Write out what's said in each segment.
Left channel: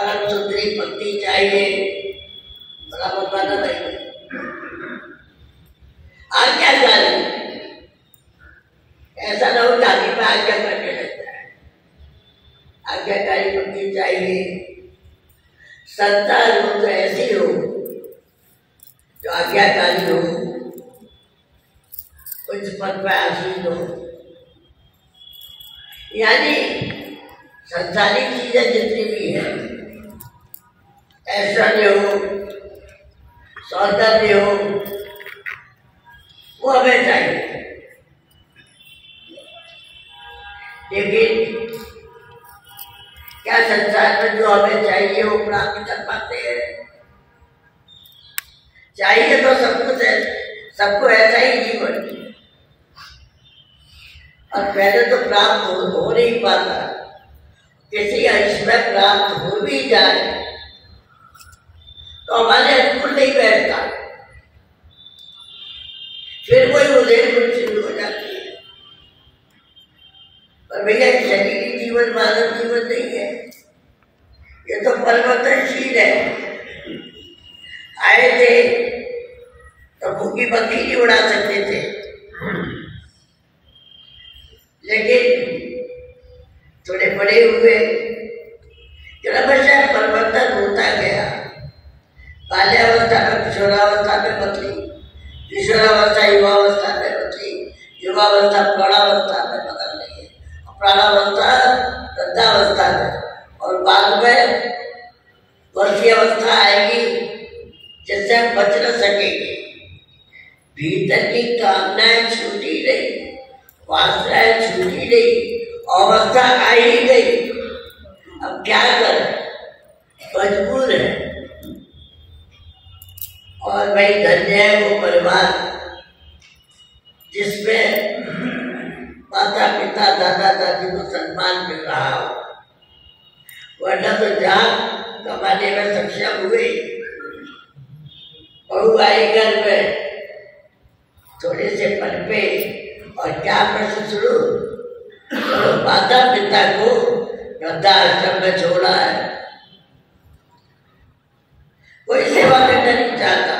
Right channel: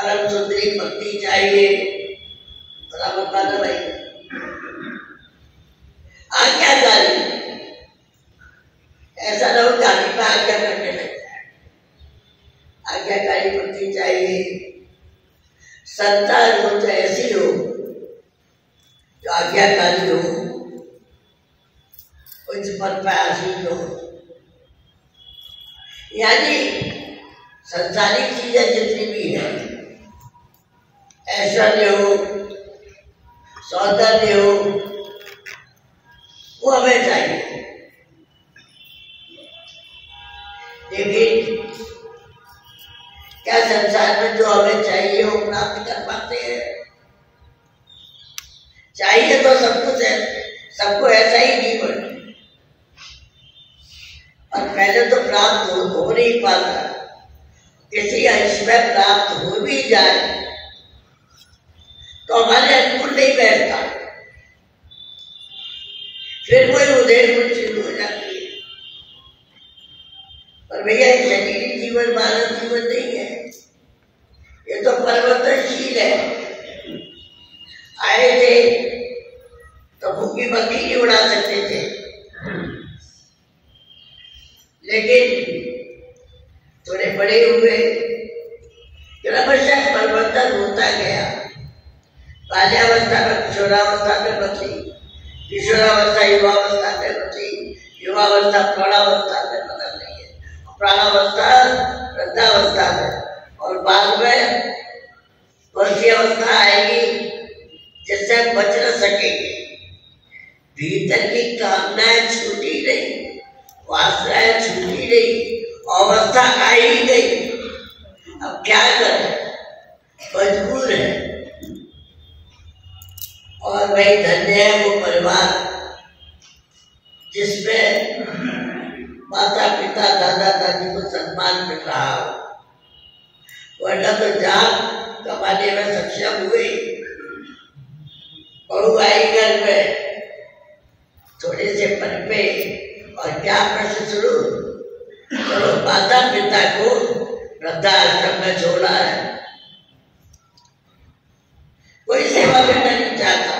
परम सुंदरी पत्नी चाहिए, बराबर बात भाई। आज्ञाकारी, ऐसा ना हो जाति पे आज्ञा करने लग जाए। आज्ञाकारी पत्नी चाहिए। संतान हो तो ऐसी हो जो आज्ञाकारी हो, उस पद पर आसीन हो। यानी संसारिक चीजें जितनी भी है, ऐश्वर्य हो, सौंदर्य हो, वो हमें चाहिए। लेकिन क्या संसार में जो हमें चाहिए वो प्राप्त कर पाते हैं? चाहिए तो सब कुछ है, सबको ऐसा ही जीवन, और पहले तो प्राप्त हो नहीं पाता। किसी अंश में प्राप्त हो भी जाए तो हमारे अनुकूल नहीं बैठता, फिर कोई उधेड़ शुरू हो जाती है। पर भैया शरीरी जीवन मानव जीवन नहीं है, ये तो परिवर्तनशील है। आए थे तो भूखी बकरी नहीं उड़ा सकते थे, लेकिन थोड़े बड़े हुए, क्रमशः परिवर्तन होता गया। बाल्यावस्था में किशोरावस्था में बदली, किशोरावस्था युवावस्था में बदली, युवावस्था प्रौढ़ावस्था में बदल रही है, प्रौढ़ावस्था वृद्धावस्था में, और बाद में वैसी अवस्था आएगी जिससे हम बच न सकेंगे। भीतर की कामनाएं छूटी रही, वासनाएं छूटी रही, अवस्था आ ही गई। अब क्या करें, मजबूर है। और भाई धन्य है वो परिवार जिसमें माता पिता दादा दादी को सम्मान मिल रहा हो, वरना तो जान कमाने में सक्षम हुए, बहू आई घर में, थोड़े से पनपे और क्या प्रश्न शुरू, तो माता पिता को वृद्धाश्रम में छोड़ा है, कोई सेवा करना नहीं चाहता।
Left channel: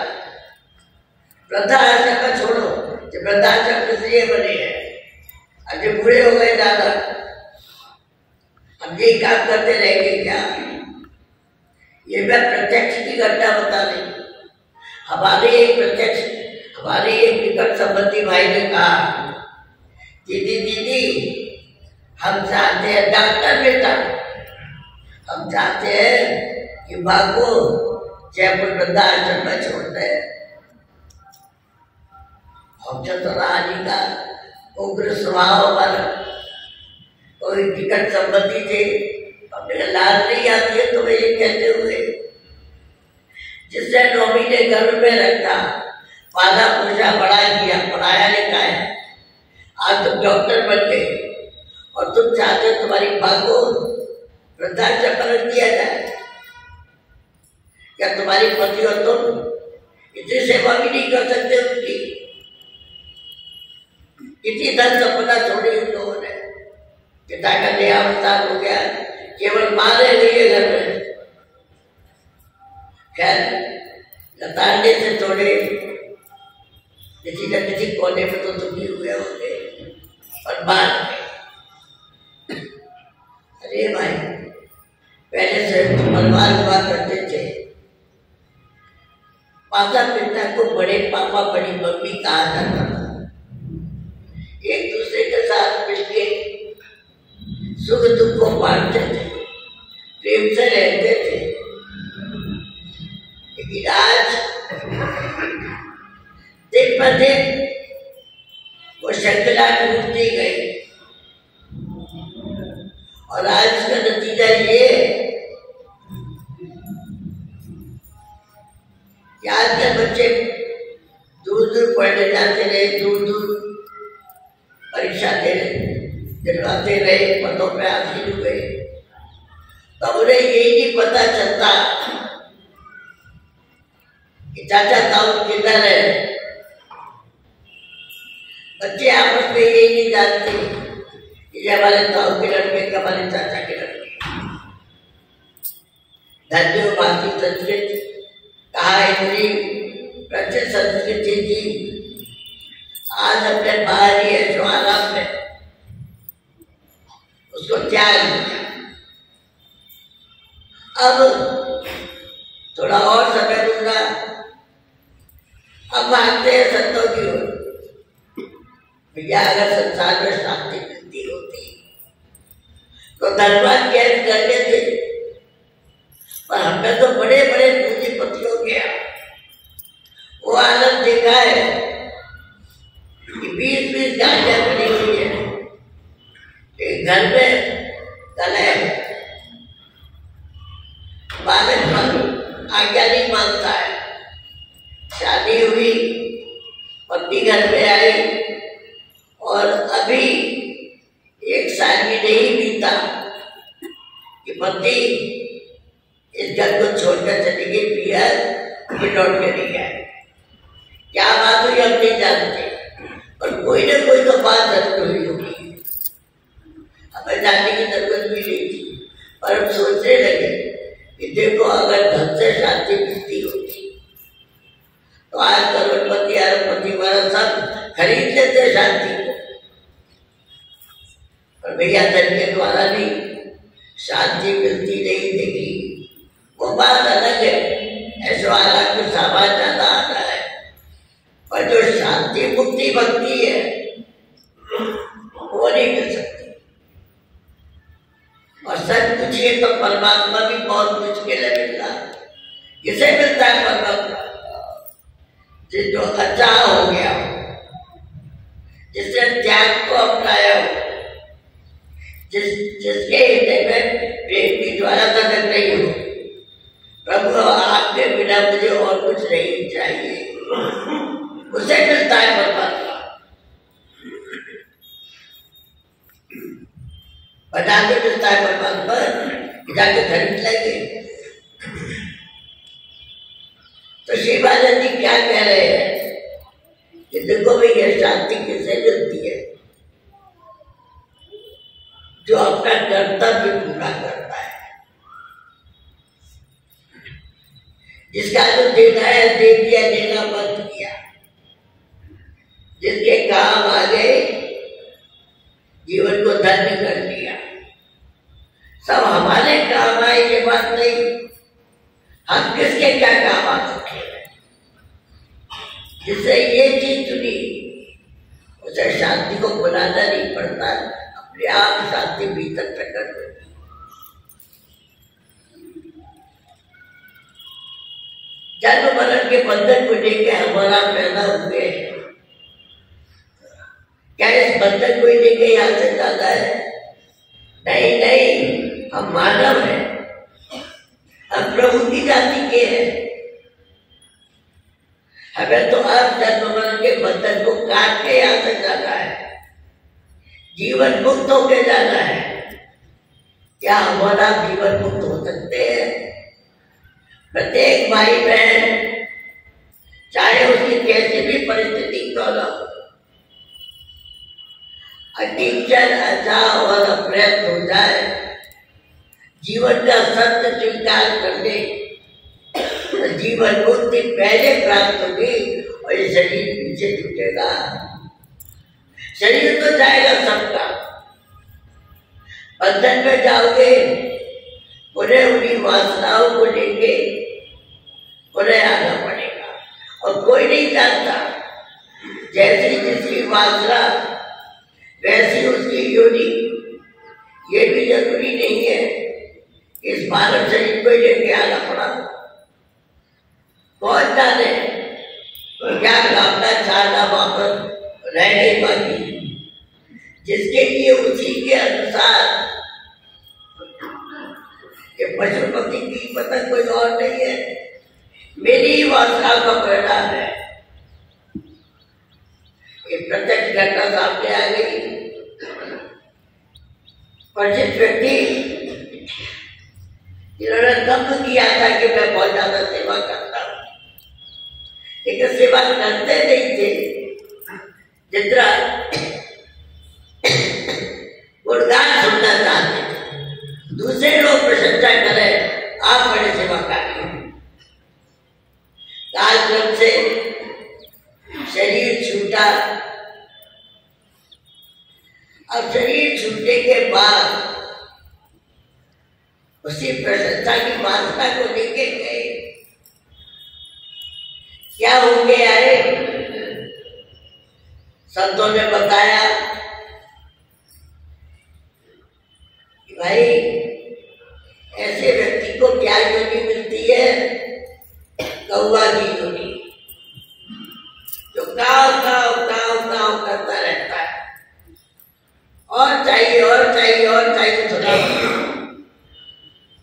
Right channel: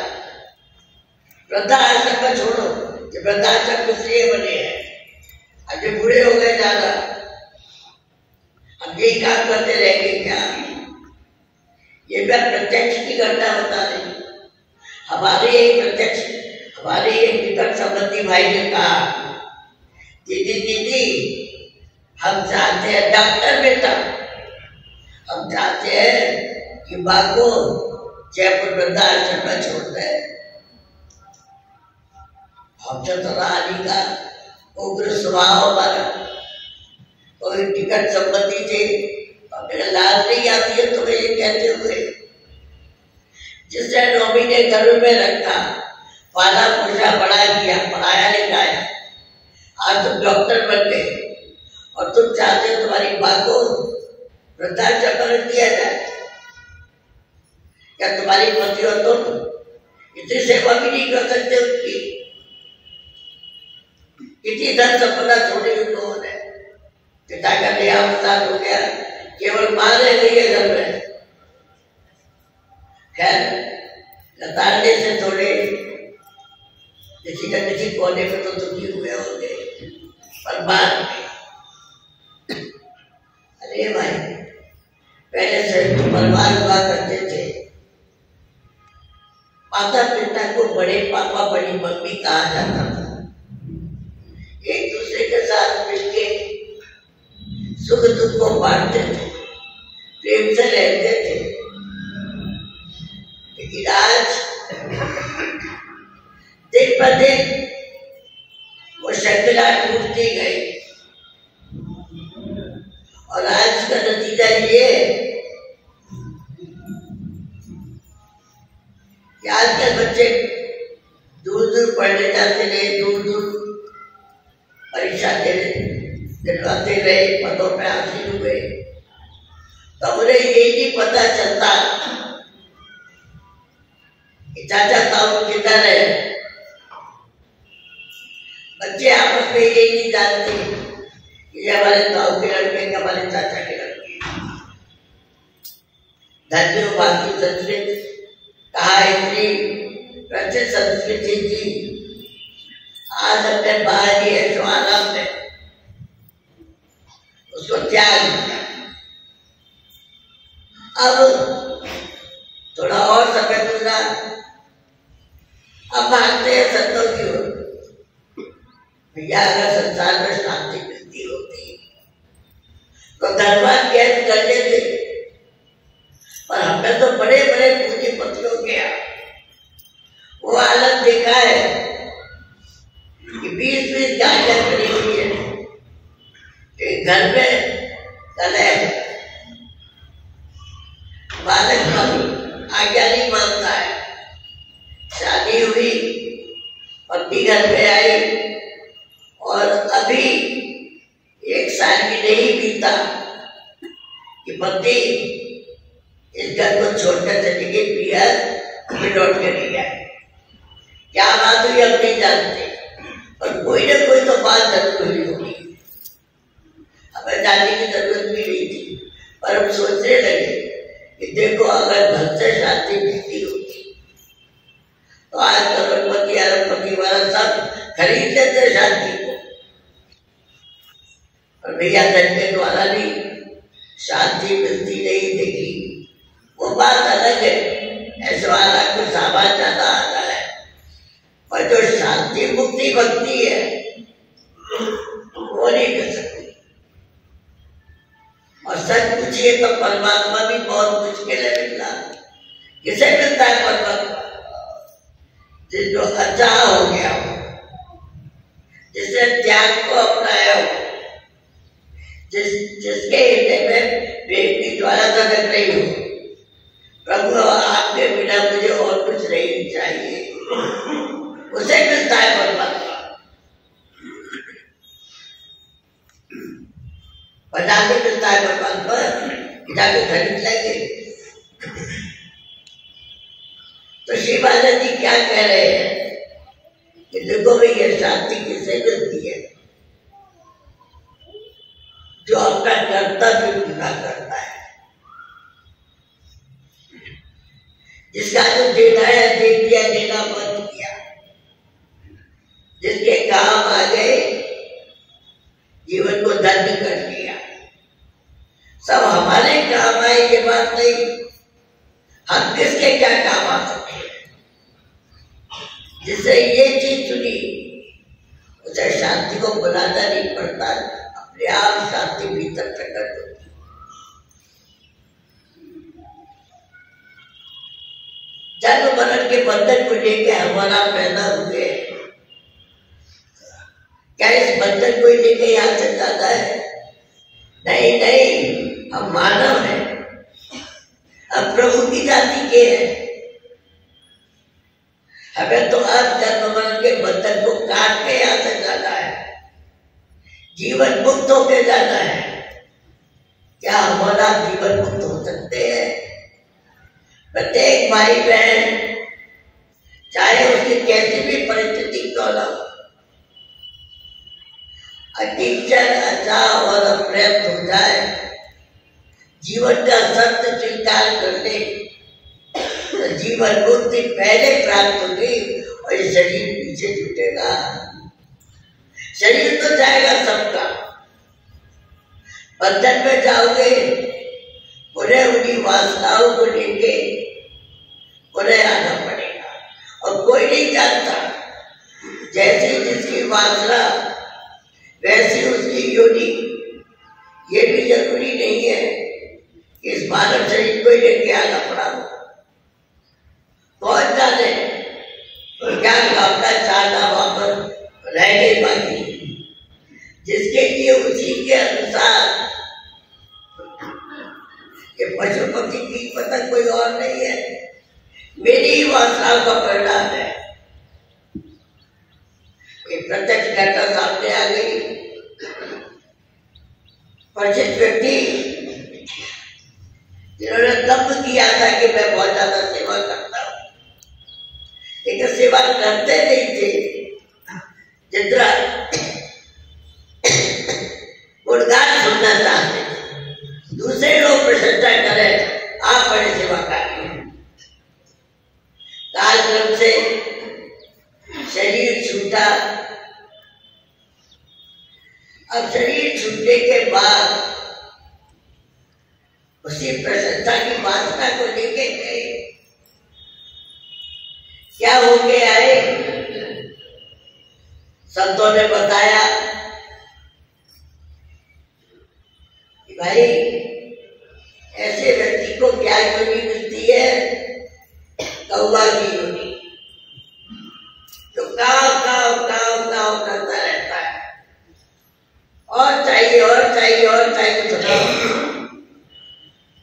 वृद्धाश्रम में छोड़ो, जो वृद्धाश्रम में इसलिए बने हैं, अब जो बूढ़े हो गए ज्यादा, अब यही काम करते रहेंगे क्या? ये मैं प्रत्यक्ष की घटना बता रही। हमारे एक निकट संबंधी भाई ने कहा, दीदी हम चाहते हैं डॉक्टर बेटा, हम चाहते हैं कि माँ को जयपुर वृद्धाश्रम में छोड़ दे। हम चतुरानी का उग्र स्वभाव वाला कोई निकट संबंधी थे, अपने लाज नहीं आती है तुम्हें ये कहते हुए, जिसने 9 महीने घर में रखा, पाला पोषा बड़ा किया, पढ़ाया लिखाया, आज तुम डॉक्टर बन गए और तुम चाहते हो तुम्हारी माँ को वृद्धाश्रम में रख दिया जाए? क्या तुम्हारी पति और तुम इतनी सेवा भी नहीं कर सकते उनकी? कितनी धन संपदा छोड़ी उन लोगों ने, पिता का देहावसान हो गया, केवल माँ रह गई है घर में। खैर लताड़ने से थोड़े किसी न किसी कोने में तो दुखी हुए होंगे, पर बाद में अरे भाई पहले से परिवार हुआ करते थे, माता पिता को बड़े पापा बड़ी मम्मी कहा जाता था, एक दूसरे के साथ मिलके सुख दुख को बांटते थे, प्रेम से रहते थे। लेकिन आज दिन पर दिन वो श्रृंखला टूटती गई, और आज का नतीजा ये कि आज के बच्चे दूर दूर पढ़ने जाते रहे, दूर दूर परीक्षा दिलवाते रहे, पदों पे हासिल हुए, तब उन्हें यही नहीं पता चलता कि चाचा ताऊ किधर है। बच्चे आपस में यही नहीं जानते कि हमारे ताऊ के लड़के, हमारे चाचा के लड़के। धन्यो भाती संस्कृत, कहा इतनी प्रचुर संस्कृति थी, आज अपने बाहरी ऐशोआराम में उसको त्याग दिया। अब थोड़ा और समय गुजरा, अब मानते हैं संतों की ओर भैया अगर संसार में शांति मिलती होती तो धनवान कैद कर लेते, पर हमने तो बड़े बड़े पूंजीपतियों के वो हालत देखा है कि 20-20 गाड़ियां बनी हुई है, एक घर में कलह, बालक आज्ञा नहीं मानता है, शादी हुई, पति घर में आई और अभी 1 साल भी नहीं बीता कि पति इस घर को छोड़कर चली गई, पियर फिर लौट कर नहीं आए। क्या बात हुई हम नहीं जानते, और कोई ना कोई तो बात जरूर हुई होगी, हमें जानने की जरूरत भी नहीं थी, पर हम सोचने लगे कि देखो अगर धन से शांति मिलती होती तो आज करोड़पति अरबपति वाला सब खरीद लेते शांति को, पर भैया धन के द्वारा भी शांति मिलती नहीं देखी। वो बात अलग है, ऐसे वाला को सामान ज्यादा आता है, पर जो शांति मुक्ति भक्ति है वो नहीं मिल सकती। और सच पूछिए तो परमात्मा भी बहुत मुश्किल है मिलना। किसे मिलता है परमात्मा? जो अच्छा हो गया हो, जिसने त्याग को अपनाया हो, जिसके हृदय में प्रेम की ज्वाला धधक रही हो, प्रभु आपके बिना मुझे और कुछ नहीं चाहिए, उसे मिलता है परमात्मा। बना के मिलता है परमात्मा, जाके खरीद लेंगे। तो शिव बाला जी क्या कह रहे हैं कि देखो भाई ये शांति किसे मिलती है? जो अपना कर्तव्य पूरा करता है, जिसका जो देना है दे दिया, देना बंद किया, जिसके काम आ गए, जीवन को धन्य कर लिया। सब हमारे काम आए ये बात नहीं, हम किसके क्या काम आ सके, जिससे ये चीज चुनी उसे शांति को बुलाना नहीं पड़ता, अपने आप शांति भीतर प्रकट होती। जन्म मरण के बंधन को लेकर हमारा पैदा हुए, क्या इस बंधन को लेकर यहाँ से जाता है? नहीं नहीं, हम मानव हैं, हम प्रभु की जाति के हैं। हमें तो अब जन्म मरण के बंधन को काट के यहाँ से जाना है, जीवन मुक्त होकर जाना है। क्या हमारा जीवन मुक्त हो सकते हैं? प्रत्येक भाई बहन, चाहे उसकी कैसी भी परिस्थिति क्यों न हो, अकिंचन अचाह और अप्रयत्न हो जाए, जीवन का सत्य स्वीकार कर ले, तो जीवन मुक्ति पहले प्राप्त होगी और ये शरीर पीछे छूटेगा। शरीर तो जाएगा सबका, बंधन में जाओगे, पुनः उन्हीं वासनाओं को लेके पुनः आना पड़ेगा। और कोई नहीं जानता, जैसी जिसकी वासना वैसी उसकी योनि। ये भी जरूरी नहीं है इस मानव शरीर को लेके आना पड़ा। बहुत जाने क्या कामना चाहना वापस रह गई बाकी, जिसके लिए उसी के अनुसार ये पशु पक्षी की पता कोई और नहीं है, मेरी ही वासनाओं का परिणाम है। एक प्रत्यक्ष घटना सामने आ गई। परिचित व्यक्ति जिन्होंने तब किया था कि मैं बहुत ज्यादा सेवा करता हूं, लेकिन सेवा करते नहीं थे, जितना गुणगान सुनना चाहते थे। दूसरे लोग प्रशंसा करें, आप बड़े कालक्रम से शरीर छूटा। अब शरीर छूटने के बाद उसी प्रसन्नता की वासना को लेके गए, क्या होके आए? संतों ने बताया कि भाई ऐसे व्यक्ति को क्या योनि मिलती है? कौवा की योनि, जो काव काव काव काव करता रहता है, और चाहिए और चाहिए और चाहिए। तो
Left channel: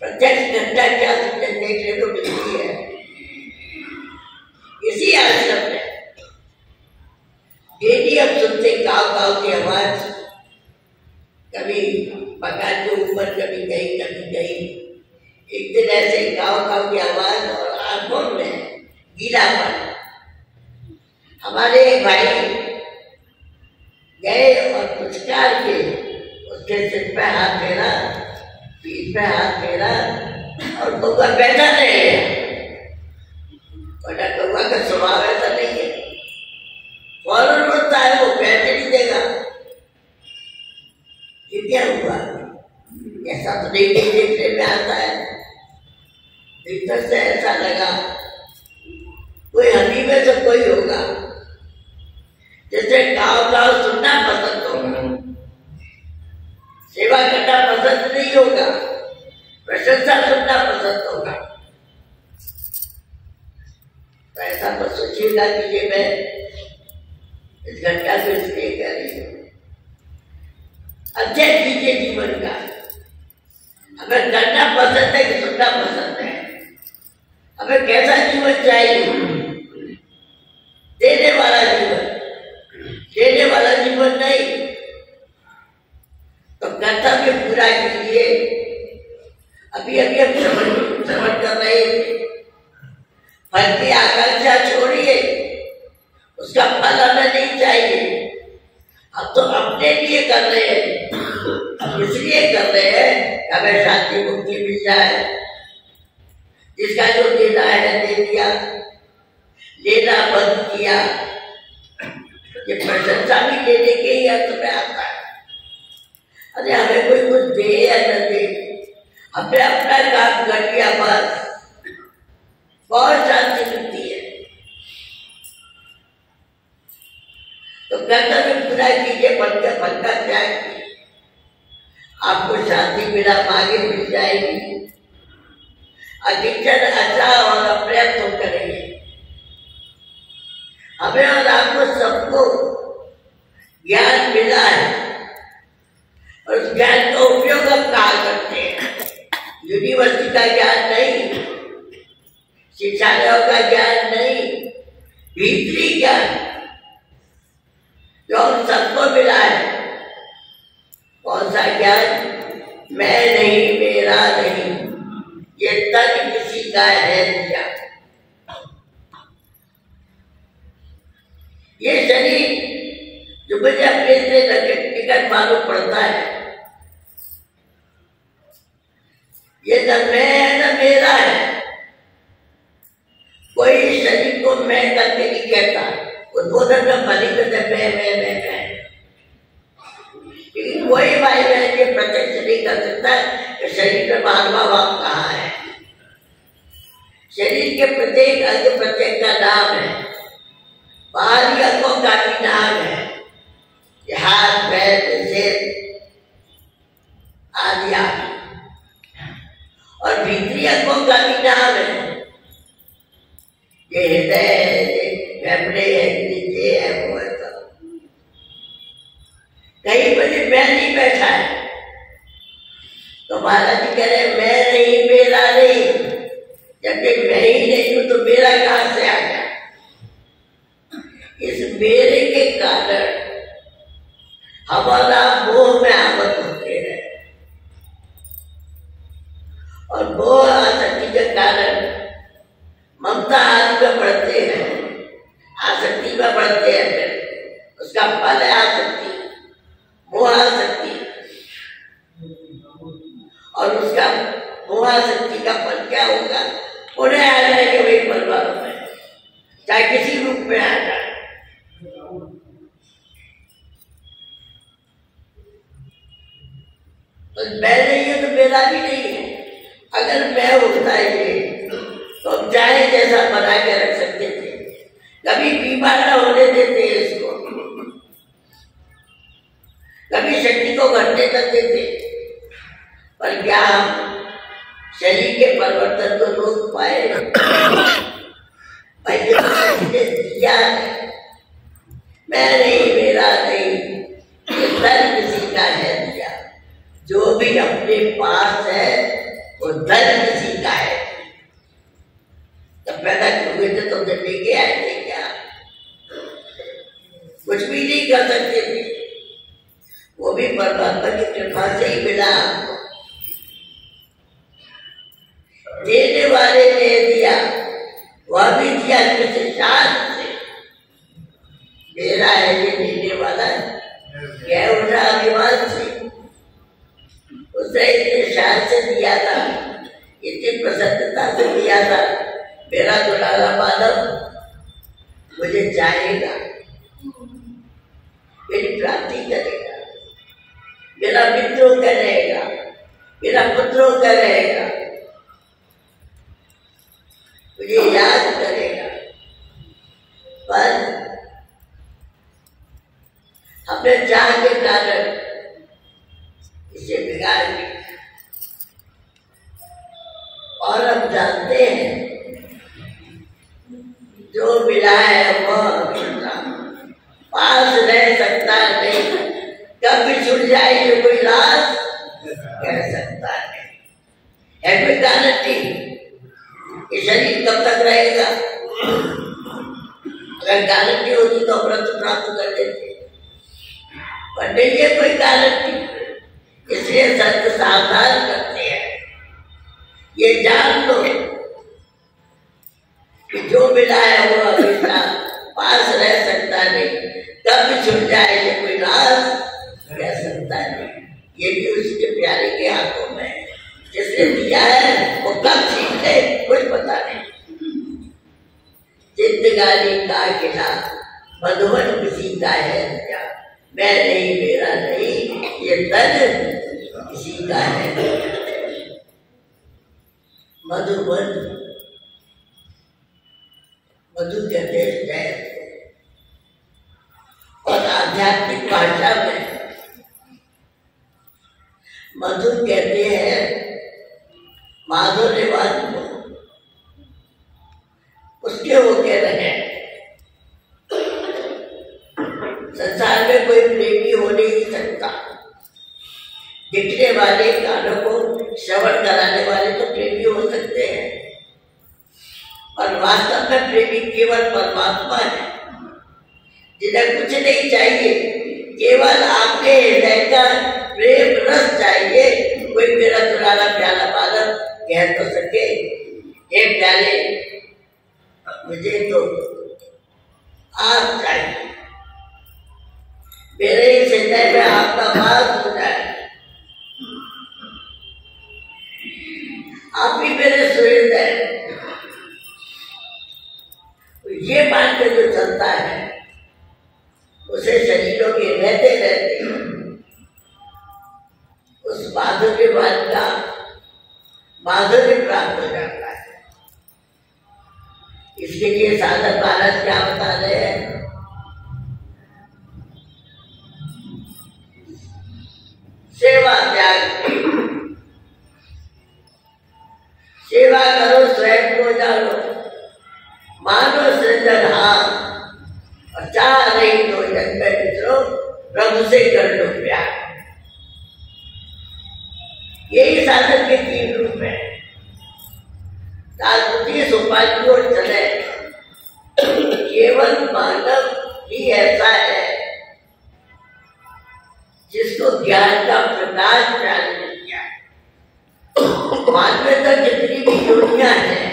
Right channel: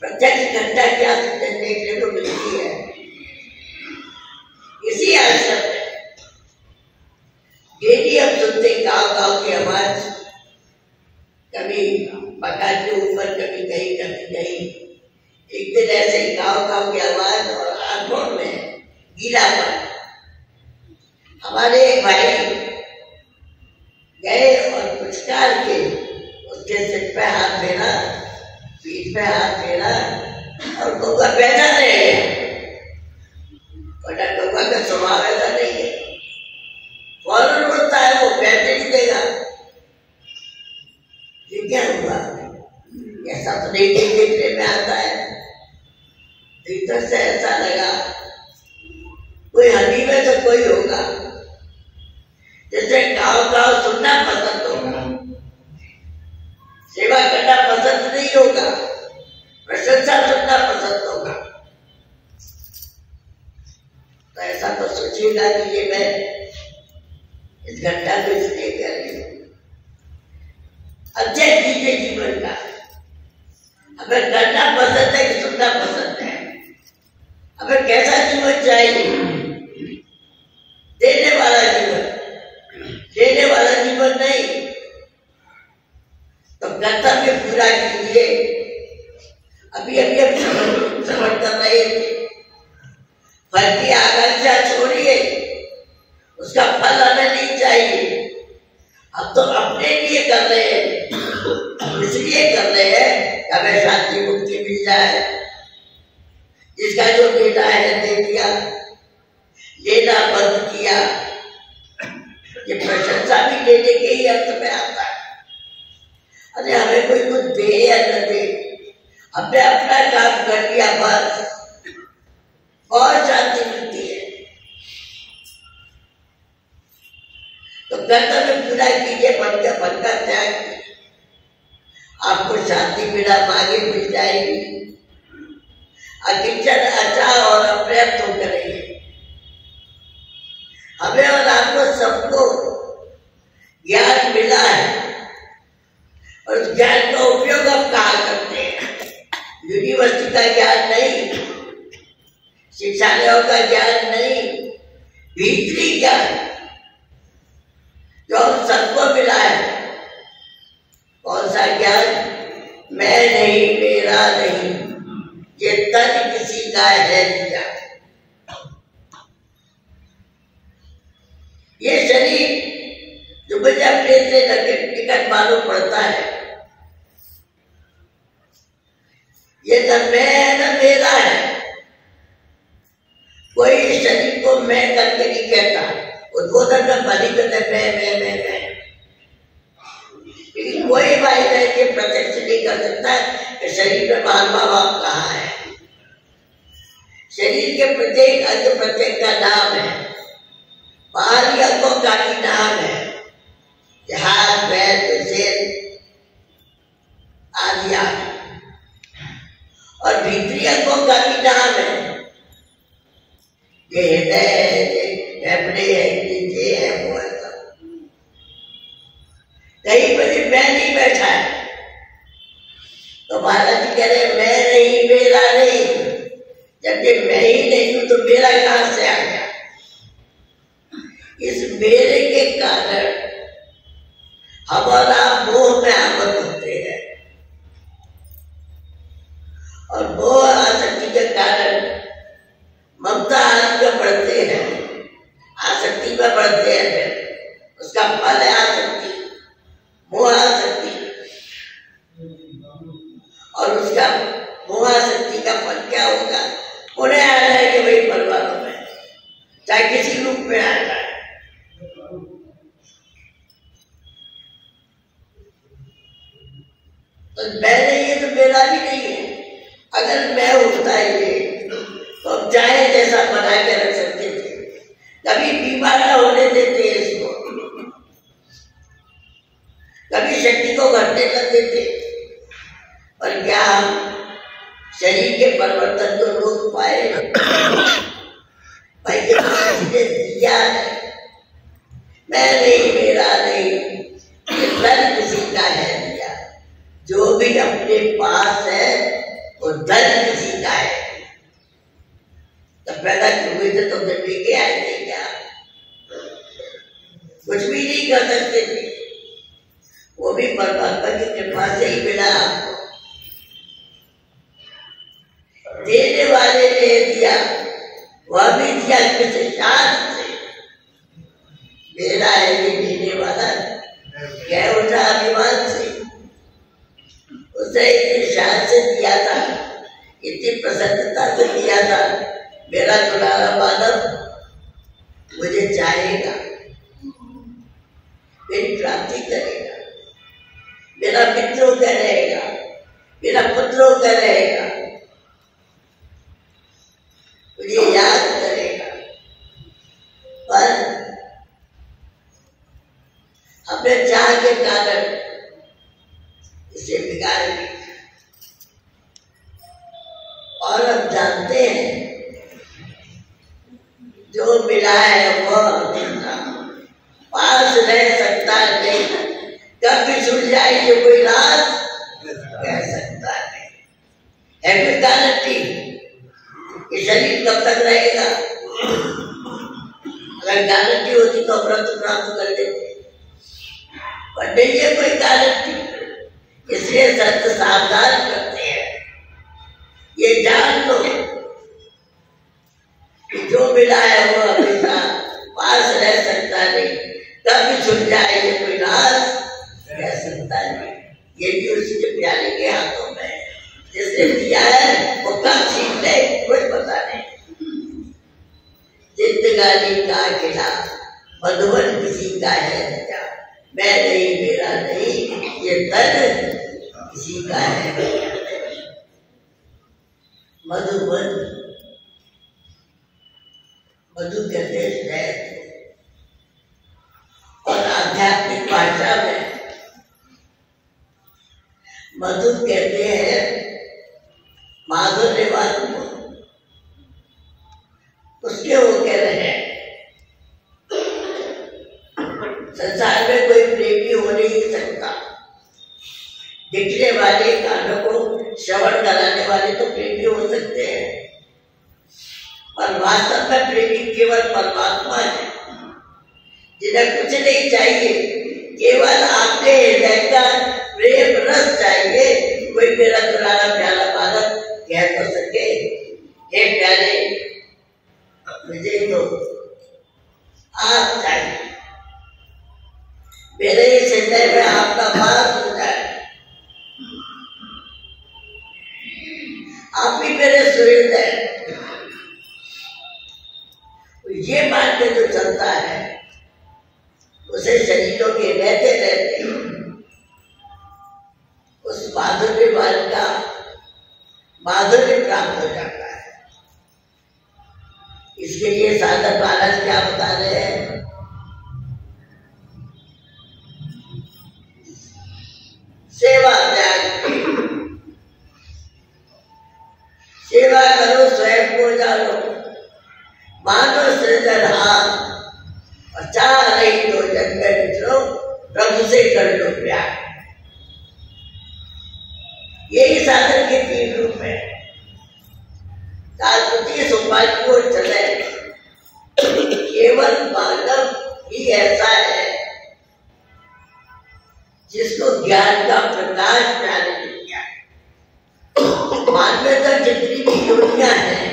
प्रत्यक्ष घटना क्या देखने को मिलती है इसी आश्रम में। डेली हम सुनते काव काव की आवाज, कभी मकान के ऊपर, कभी कहीं कभी कहीं। एक दिन ऐसे ही काव काव की आवाज और आंखों में गीलापन। हमारे एक भाई गए और पुचकार के उसके सिर पे हाथ फेरा, पीठ पे हाथ फेरा, और कौवा बैठा रहे। बड़ा कौवा का स्वभाव ऐसा नहीं है, फौरन उड़ता है, वो बैठे नहीं देगा। ये क्या हुआ? ऐसा तो नहीं देखने में आता है। भीतर से ऐसा लगा कोई हड्डी में से कोई होगा, जैसे गाँव गाँव सुनना पसंद होगा, सेवा करना पसंद नहीं होगा, प्रशंसा सुनना पसंद होगा। तो ऐसा तो सोचिएगा कि ये मैं इस घटना को इसलिए कर रही हूँ। अध्ययन कीजिए जीवन का। हमें करना पसंद है कि सुनना पसंद है? हमें कैसा जीवन चाहिए? देने वाला जीवन, देने वाला जीवन नहीं। तो कर्तव्य पूरा कीजिए। अभी अभी हम समझ कर रहे थे, फल की आकांक्षा छोड़िए, उसका फल हमें नहीं चाहिए। अब तो अपने लिए कर रहे हैं, इसलिए कर रहे हैं कि हमें शांति मुक्ति मिल जाए। जिसका जो देना है दे दिया, लेना बंद किया। ये प्रशंसा भी लेने के ही अर्थ में आता है। अरे हमें कोई कुछ दे या न दे, हमने अपना काम कर लिया, बस बहुत शांति मिलती है। तो कर्तव्य पूरा कीजिए, फल का त्याग कीजिए, आपको शांति बिना मांगे मिल जाएगी। अकिंचन अच्छा और अपर्याप्त होकर रहिए। हमें और आपको सबको ज्ञान मिला है, और उस ज्ञान का उपयोग हम कहाँ करते हैं? यूनिवर्सिटी का ज्ञान नहीं, शिक्षालयों का ज्ञान नहीं, भीतरी ज्ञान जो हम सबको मिला है। कौन सा ज्ञान? मैं नहीं, मेरा नहीं, ये तन किसी का है दिया। ये शरीर जो मुझे अपने से टिकट मालूम पड़ता है, ये न मैं न मेरा है। कोई शरीर को मैं करके नहीं कहता, उद्बोधन में भली करते मैं। लेकिन कोई भाई बहन के प्रत्यक्ष नहीं कर सकता है कि शरीर में महात्मा भाव कहाँ है। शरीर के प्रत्येक अंग प्रत्येक का नाम है, बाहरी अंगों का भी नाम है, हाथ पैर सिर आदि आदि, और भीतरी अंगों का भी नाम है। ये हृदय है, ये फेफड़े है, ये है, वो है। सब कहीं पर मैं नहीं बैठा है, तो महाराज जी कह रहे मैं नहीं, मेरा नहीं। जबकि मैं ही नहीं हूं तो मेरा कहां से आ गया? इस मेरे के कारण हमारा मोह में आबद्ध होते हैं, और मोह आसक्ति के कारण ममता आदि में बढ़ते हैं, आसक्ति में बढ़ते हैं। फिर उसका फल है आसक्ति, मोह आसक्ति, और उसका मोह आसक्ति का फल क्या होगा? उन्हें आ जाएंगे वही परमात्मा में। चाहे किसी रूप में आ जाए। तो मैं नहीं है तो मेरा भी नहीं है। अगर मैं होता ये तो हम चाहे जैसा बना के रख सकते थे, कभी बीमार ना होने देते इसको, कभी शक्ति को घटने कर देते। पर क्या हम शरीर के परिवर्तन को रोक पाए? भाई ये तो दिया है, मैं नहीं, मेरा नहीं, ये धन किसी का है दिया। जो भी अपने पास है वो धन किसी का है। तब पैदा क्यों हुए थे? तुमने लेके आए थे क्या? कुछ भी नहीं कर सकते थे, वो भी परमात्मा की कृपा से ही मिला आपको। देने वाले ने दिया, वह भी दिया किसी शान से। मेरा है ये देने वाला, क्या उठा अभिमान से, उसने इतनी शान से दिया था, इतनी प्रसन्नता से दिया था। मेरा दुलारा मानव मुझे चाहेगा, मेरी प्राप्ति करेगा, मेरा मित्रों का रहेगा, मेरा पुत्रों का रहेगा, मुझे याद करेगा। पर अपने चाह के कारण इसे बिगाड़ दिया। और अब जानते हैं जो मिला है वह हमेशा पास रह सकता नहीं, कब भी छूट जाए ये कोई राज कह सकता नहीं। है कोई गारंटी ये शरीर कब तक रहेगा? अगर गारंटी होती तो व्रत प्राप्त कर लेते, पर नहीं है कोई गारंटी। इसलिए संत सावधान करते हैं, ये जान लो कि जो मिला है वो हमेशा पास रह सकता नहीं, कब भी छुट जाए ये कोई राज कह सकता नहीं। ये भी उसके प्यारे के हाथों में है, जिसने दिया है वो कब छीन ले कुछ पता नहीं। जिंदगानी का किला मधुबन किसी का है दिया, मैं नहीं, मेरा नहीं, ये धन किसी का है। मधुबन, मधु कहते हैं और आध्यात्मिक भाषा में मधु कहते हैं माधुर्यवान को। उसके वो कह रहे हैं संसार में कोई प्रेमी हो नहीं सकता। दिखने वाले, कानों को श्रवण कराने वाले तो प्रेमी हो सकते हैं, और वास्तव में प्रेमी केवल परमात्मा है, जिन्हें कुछ नहीं चाहिए, केवल आपके हृदय का प्रेम रस चाहिए। कोई मेरा दुलारा प्याला मानव कह तो सके, हे प्यारे मुझे तो आप चाहिए, मेरे इस हृदय में आपका वास हो जाए, आप ही मेरे सुहृदय। ये मान के जो चलता है उसे शरीरों के रहते रहते उस माधुर्यवान का माधुर्य प्राप्त हो जाता है। इसके लिए साधक महाराज क्या बता रहे हैं? सेवा त्याग, सेवा करो स्वयं को जानो, मानो सृजनहार, और चाह नहीं तो जग में विचरो, प्रभु से कर लो प्यार। यही साधन के तीन रूप है। तात्पर्य सोपान और चले, केवल मानव ही ऐसा है जिसको ज्ञान का प्रकाश प्यारे ने किया। मानव तक जितनी भी योनियां हैं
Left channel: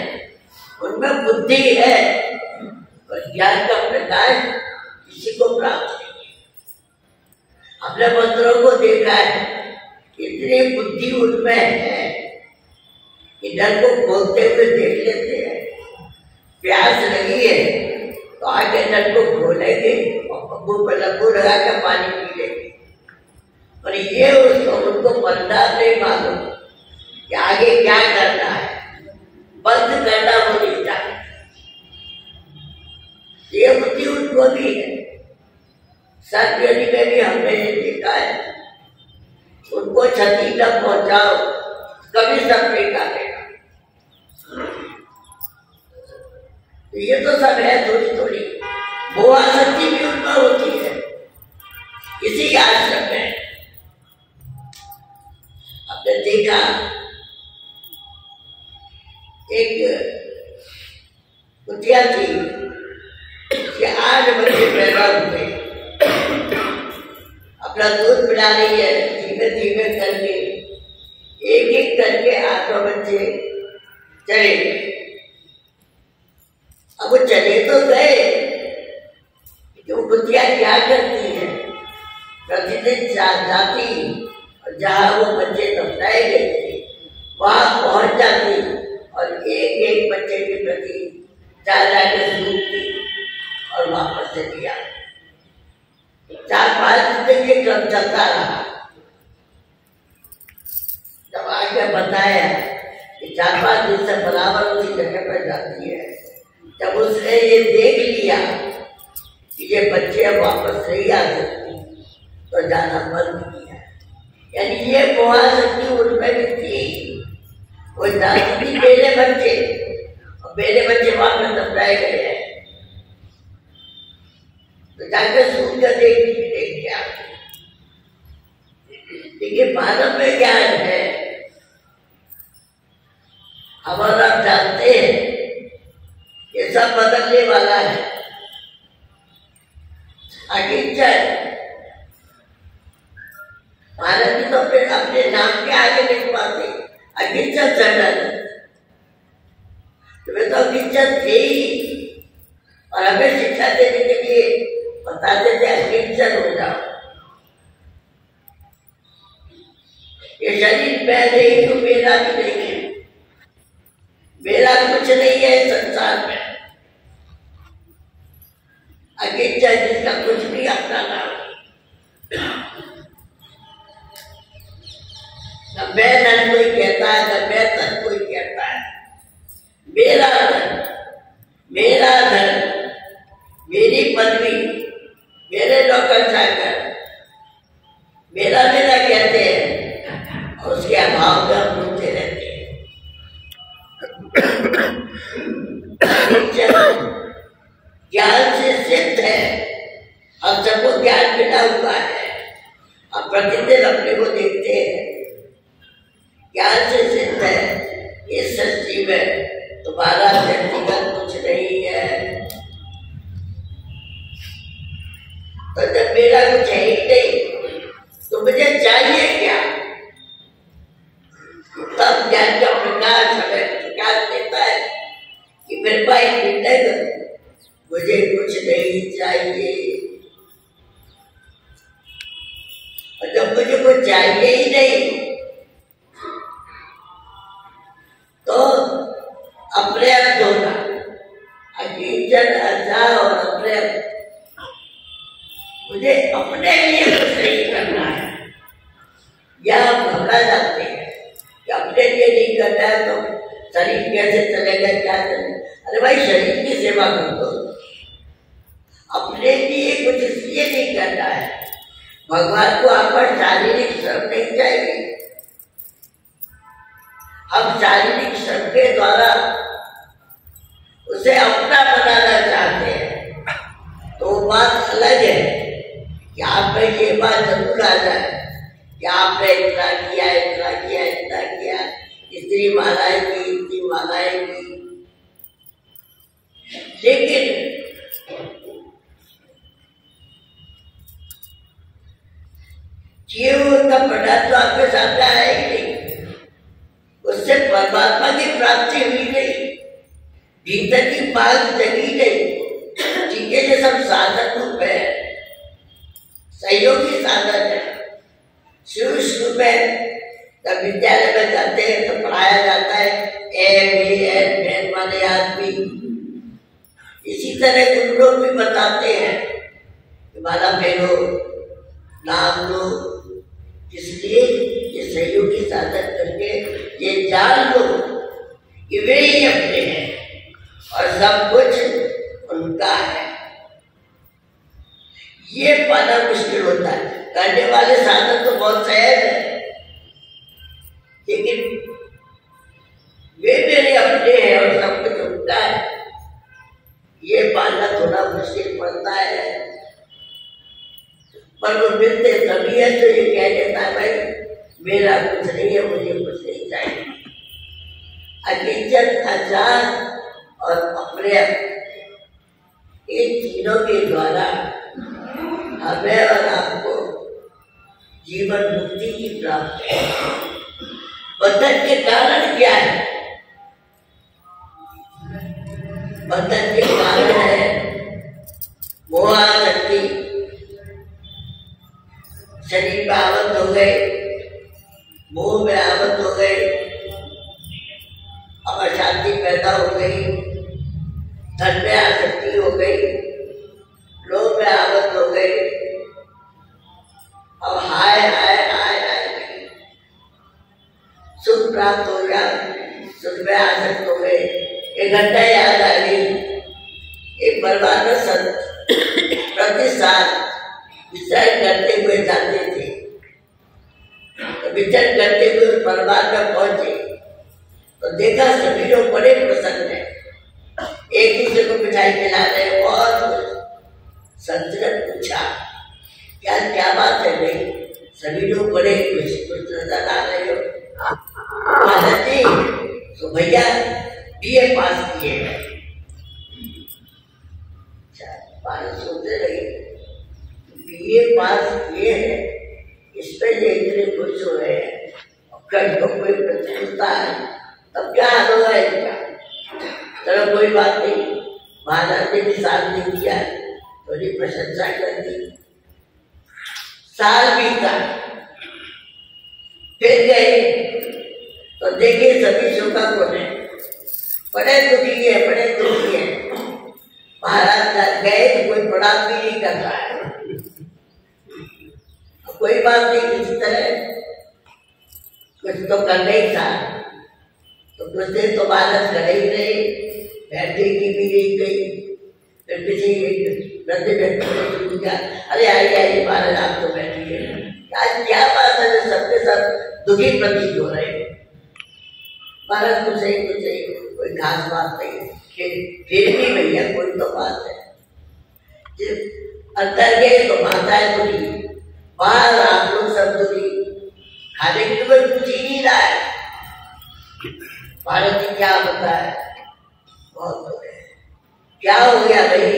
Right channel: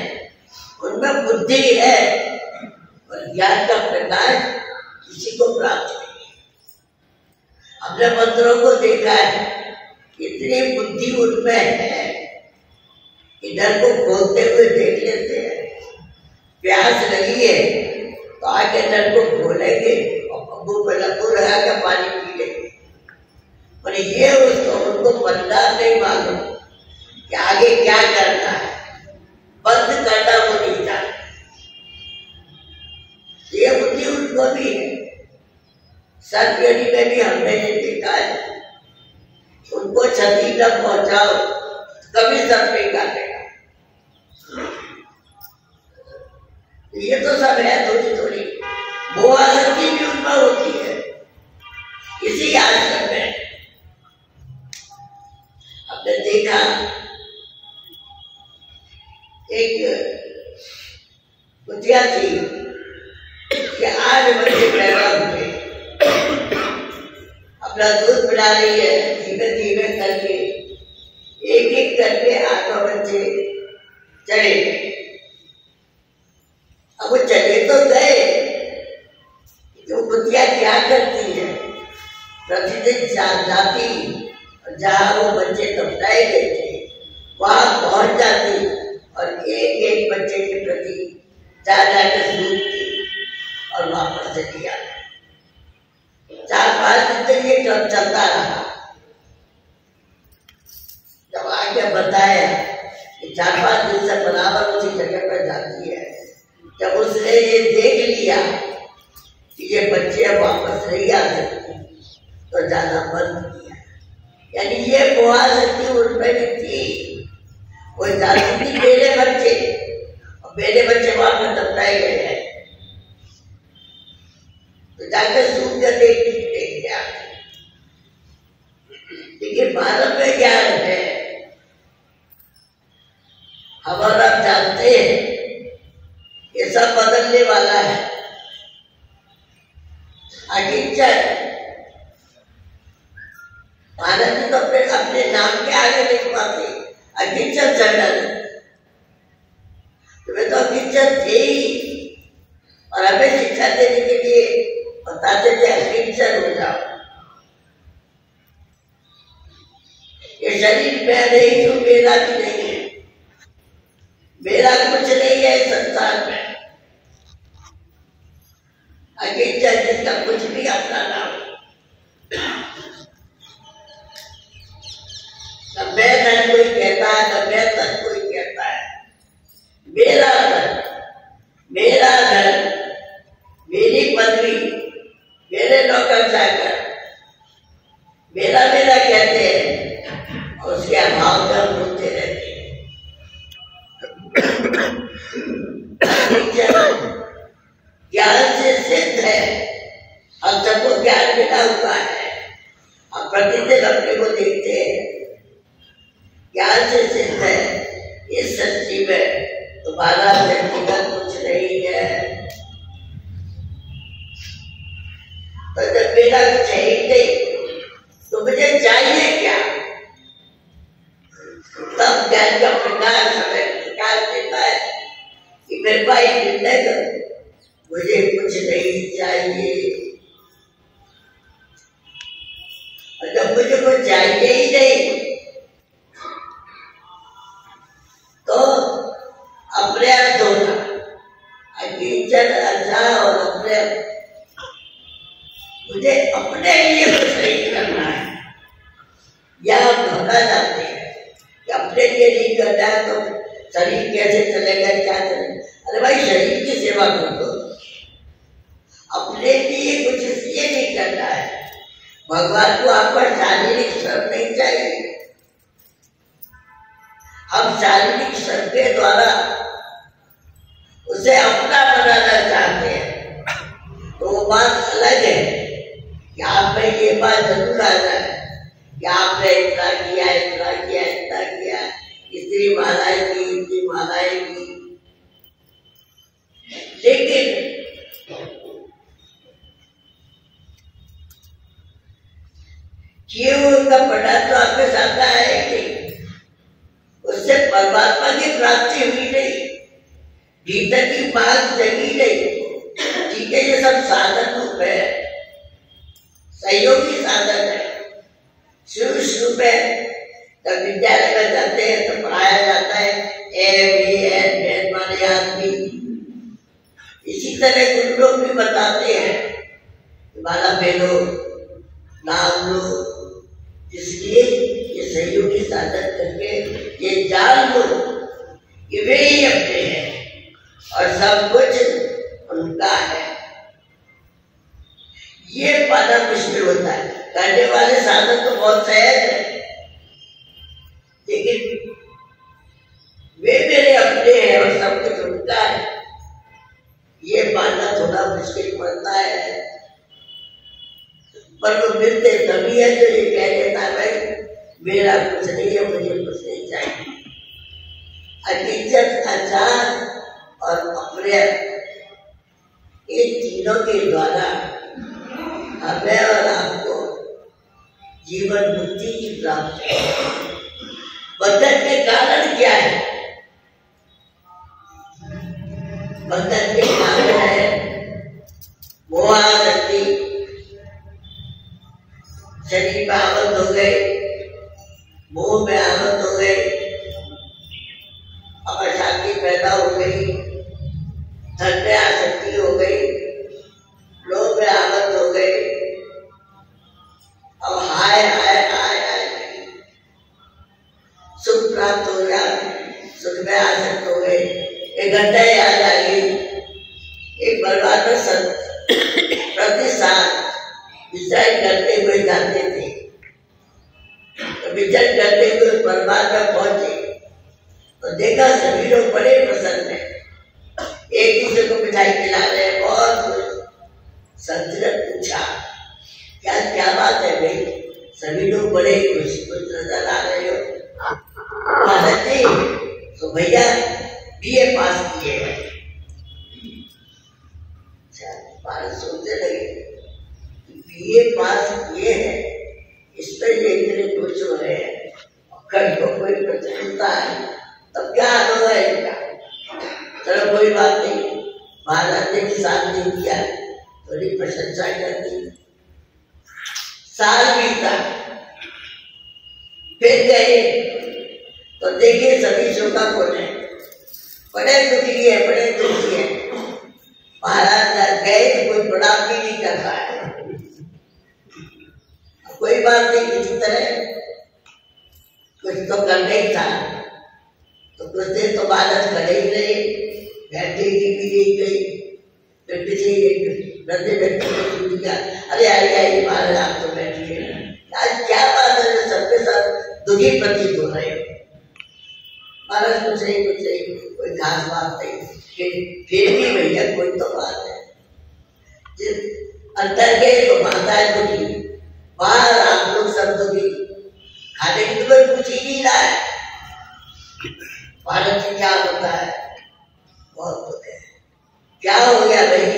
उनमें बुद्धि है, और ज्ञान का प्रकाश किसी को प्राप्त नहीं है। हमने मंत्रों को देखा है, इतनी बुद्धि उनमें है कि डर को खोलते हुए देख लेते हैं। प्यास नहीं है आगे नल को खोलेंगे और पंबू पर लंबू लगा के पानी पी लेंगे। और ये उनको परिणाम नहीं मालूम कि आगे क्या करना है, बंद करना वो नहीं जानते। ये बुद्धि उनको भी है। सर्जरी में भी हमने ये देखा है, उनको क्षति न पहुंचाओ कभी सब पे काटेगा। ये तो सब है थोड़ी थोड़ी, वो आसक्ति भी उनका होती है इसी आश्रम में। आपने देखा एक कुटिया थी कि 8 बच्चे पैदा हुए, अपना दूध पिला रही है, धीमे धीमे करके एक एक करके 8 बच्चे चले। अब वो चले तो गए, तो कुतिया क्या करती है, प्रतिदिन जाती और जहाँ वो बच्चे दफनाए गए थे वहां पहुंच जाती और एक एक बच्चे के प्रति जा के सूखती और वापस चली आती। 4-5 दिन तक ये क्रम चलता रहा। जब आगे बताया कि 4-5 दिन से बराबर उसी जगह पर जाती है, जब उसने ये देख लिया कि ये बच्चे वापस नहीं आ सकते तो जाना बंद किया। यानी ये मोहाशक्ति उनमें भी थी। वो जानती थी मेरे बच्चे और मेरे बच्चे वहां पर दफनाए गए हैं, तो जाकर सुन कर देख क्या। देखिए मानव में ज्ञान है, हम और आप जानते हैं ये सब बदलने वाला है। अकिंचन मानव जी तो फिर अपने नाम के आगे नहीं पाते, अकिंचन चढ़ तुम्हें तो अकिंचन थे ही, और हमें शिक्षा देने के लिए बताते थे अकिंचन हो जाओ। ये शरीर मैं नहीं हूं, मेरा भी नहीं है, मेरा कुछ नहीं है संसार में। अकिंचन जिसका कुछ भी अपना नाम, न मैं धन कोई कहता है, न मैं धन कोई कहता है। मेरा धन, मेरा धन, मेरी पदवी, मेरे नौकर चाकर, मेरा मेरा कहते हैं और उसके अभाव में हम रोते रहते हैं। ज्ञान से सिद्ध है, हम सबको ज्ञान मिला हुआ है, हम प्रतिदिन अपने को देखते हैं, ज्ञान से सिद्ध है। इस सृष्टि में तुम्हारा व्यक्तिगत कुछ नहीं है। तो जब मेरा कुछ है ही नहीं तो मुझे चाहिए क्या? तब ज्ञान का प्रकाश हमें प्रकाश देता है कि मेरे भाई निर्णय करो, मुझे कुछ नहीं चाहिए। और जब मुझे कुछ चाहिए ही नहीं तो अपर्याप्त होना, अकिंचन अजा और अपर्याप्त, मुझे अपने लिए कुछ नहीं करना है। या हम घबरा जाते हैं कि अपने लिए नहीं करना है तो शरीर कैसे चलेगा, क्या चलेगा। अरे भाई शरीर की सेवा कर दो, अपने लिए कुछ इसलिए नहीं करना है। भगवान को आपका शारीरिक श्रम नहीं चाहिए, हम शारीरिक श्रम के द्वारा उसे अपना बनाना चाहते हैं। तो वो बात अलग है कि आप में ये बात जरूर आ जाए कि आपने इतना किया, इतना किया, इतना किया, इतनी मालाएं की, इतनी मालाएं की, लेकिन किए उनका परिणाम तो आपके सामने आया ही नहीं, उससे परमात्मा की प्राप्ति हुई नहीं, भीतर की बात जगी नहीं। ठीक है, ये सब साधन रूप है, सहयोगी साधन है। शुरू में जब विद्यालय में जाते हैं तो पढ़ाया जाता है ए बी एन वाले आदमी, इसी तरह गुरु लोग भी बताते हैं कि माला फेरो, नाम लो, इसलिए ये सहयोगी साधन करके ये जान लो कि वे ही अपने हैं और सब कुछ उनका है। ये पाना मुश्किल होता है। करने वाले साधन तो बहुत सहज है, लेकिन वे मेरे अपने हैं और सब कुछ उनका है, ये पाना थोड़ा मुश्किल पड़ता है। पर वो मिलते तभी है तो ये कह देता है भाई मेरा कुछ नहीं है, मुझे कुछ नहीं चाहिए। हकीकत, आचार और अप्रिय, इन तीनों के द्वारा हमें और आपको जीवन मुक्ति की प्राप्ति है। बंधन के कारण क्या है? बंधन के कारण है मोहासक्ति, शरीर में आवत हो गए, मोह में आवत हो गए, अब अशांति पैदा हो गई, धन में आसक्ति हो गई, लोभ में आवत हो गई, अब हाय हाय हाय हाय नहीं, सुख प्राप्त हो गया, सुख में आसक्त हो गए। एक घंटा याद आ गई, एक बर्बाद में प्रति साल विचरण करते हुए जाते थे, तो विचरण करते हुए बर्बाद में पहुंचे तो देखा सभी लोग बड़े प्रसन्न हैं, एक दूसरे को मिठाई खिला रहे, बहुत खुश। संत ने पूछा क्या क्या बात है भाई, सभी लोग बड़े खुश खुश नजर आ रहे हो? महाराज जी तो भैया बीए पास किए हैं। महाराज सोचने लगे बीए पास किए हैं, इस पर ये इतने खुश हो रहे हैं, कल को कोई प्रतिकूलता है तब क्या हाल होगा इनका? चलो कोई बात नहीं, महाराज ने भी साथ नहीं दिया, थोड़ी प्रशंसा कर दी। साल बीता, फिर गए तो देखे सभी शोकाकुल है, बड़े दुखी है, बड़े दुखी है। महाराज गए तो कोई प्रणाम भी नहीं कर रहा है। कोई बात नहीं, किसी तरह कुछ तो करना ही था, तो कुछ देर तो महाराज खड़े ही रहे, बैठे की भी नहीं गई। फिर किसी वृद्ध व्यक्ति ने पूछ दिया, अरे आइए आइए महाराज आप तो बैठिए, आज क्या बात है जो सबके सब दुखी प्रतीत हो रहे? महाराज कुछ नहीं कोई खास बात नहीं, फिर भी भैया कोई तो बात है। अंदर गए तो माता है दुखी, बाहर आप लोग सब दुखी, खाने की तो कोई पूछ ही नहीं रहा है। भारत जी क्या होता है? बहुत दुख है। क्या हो गया भाई?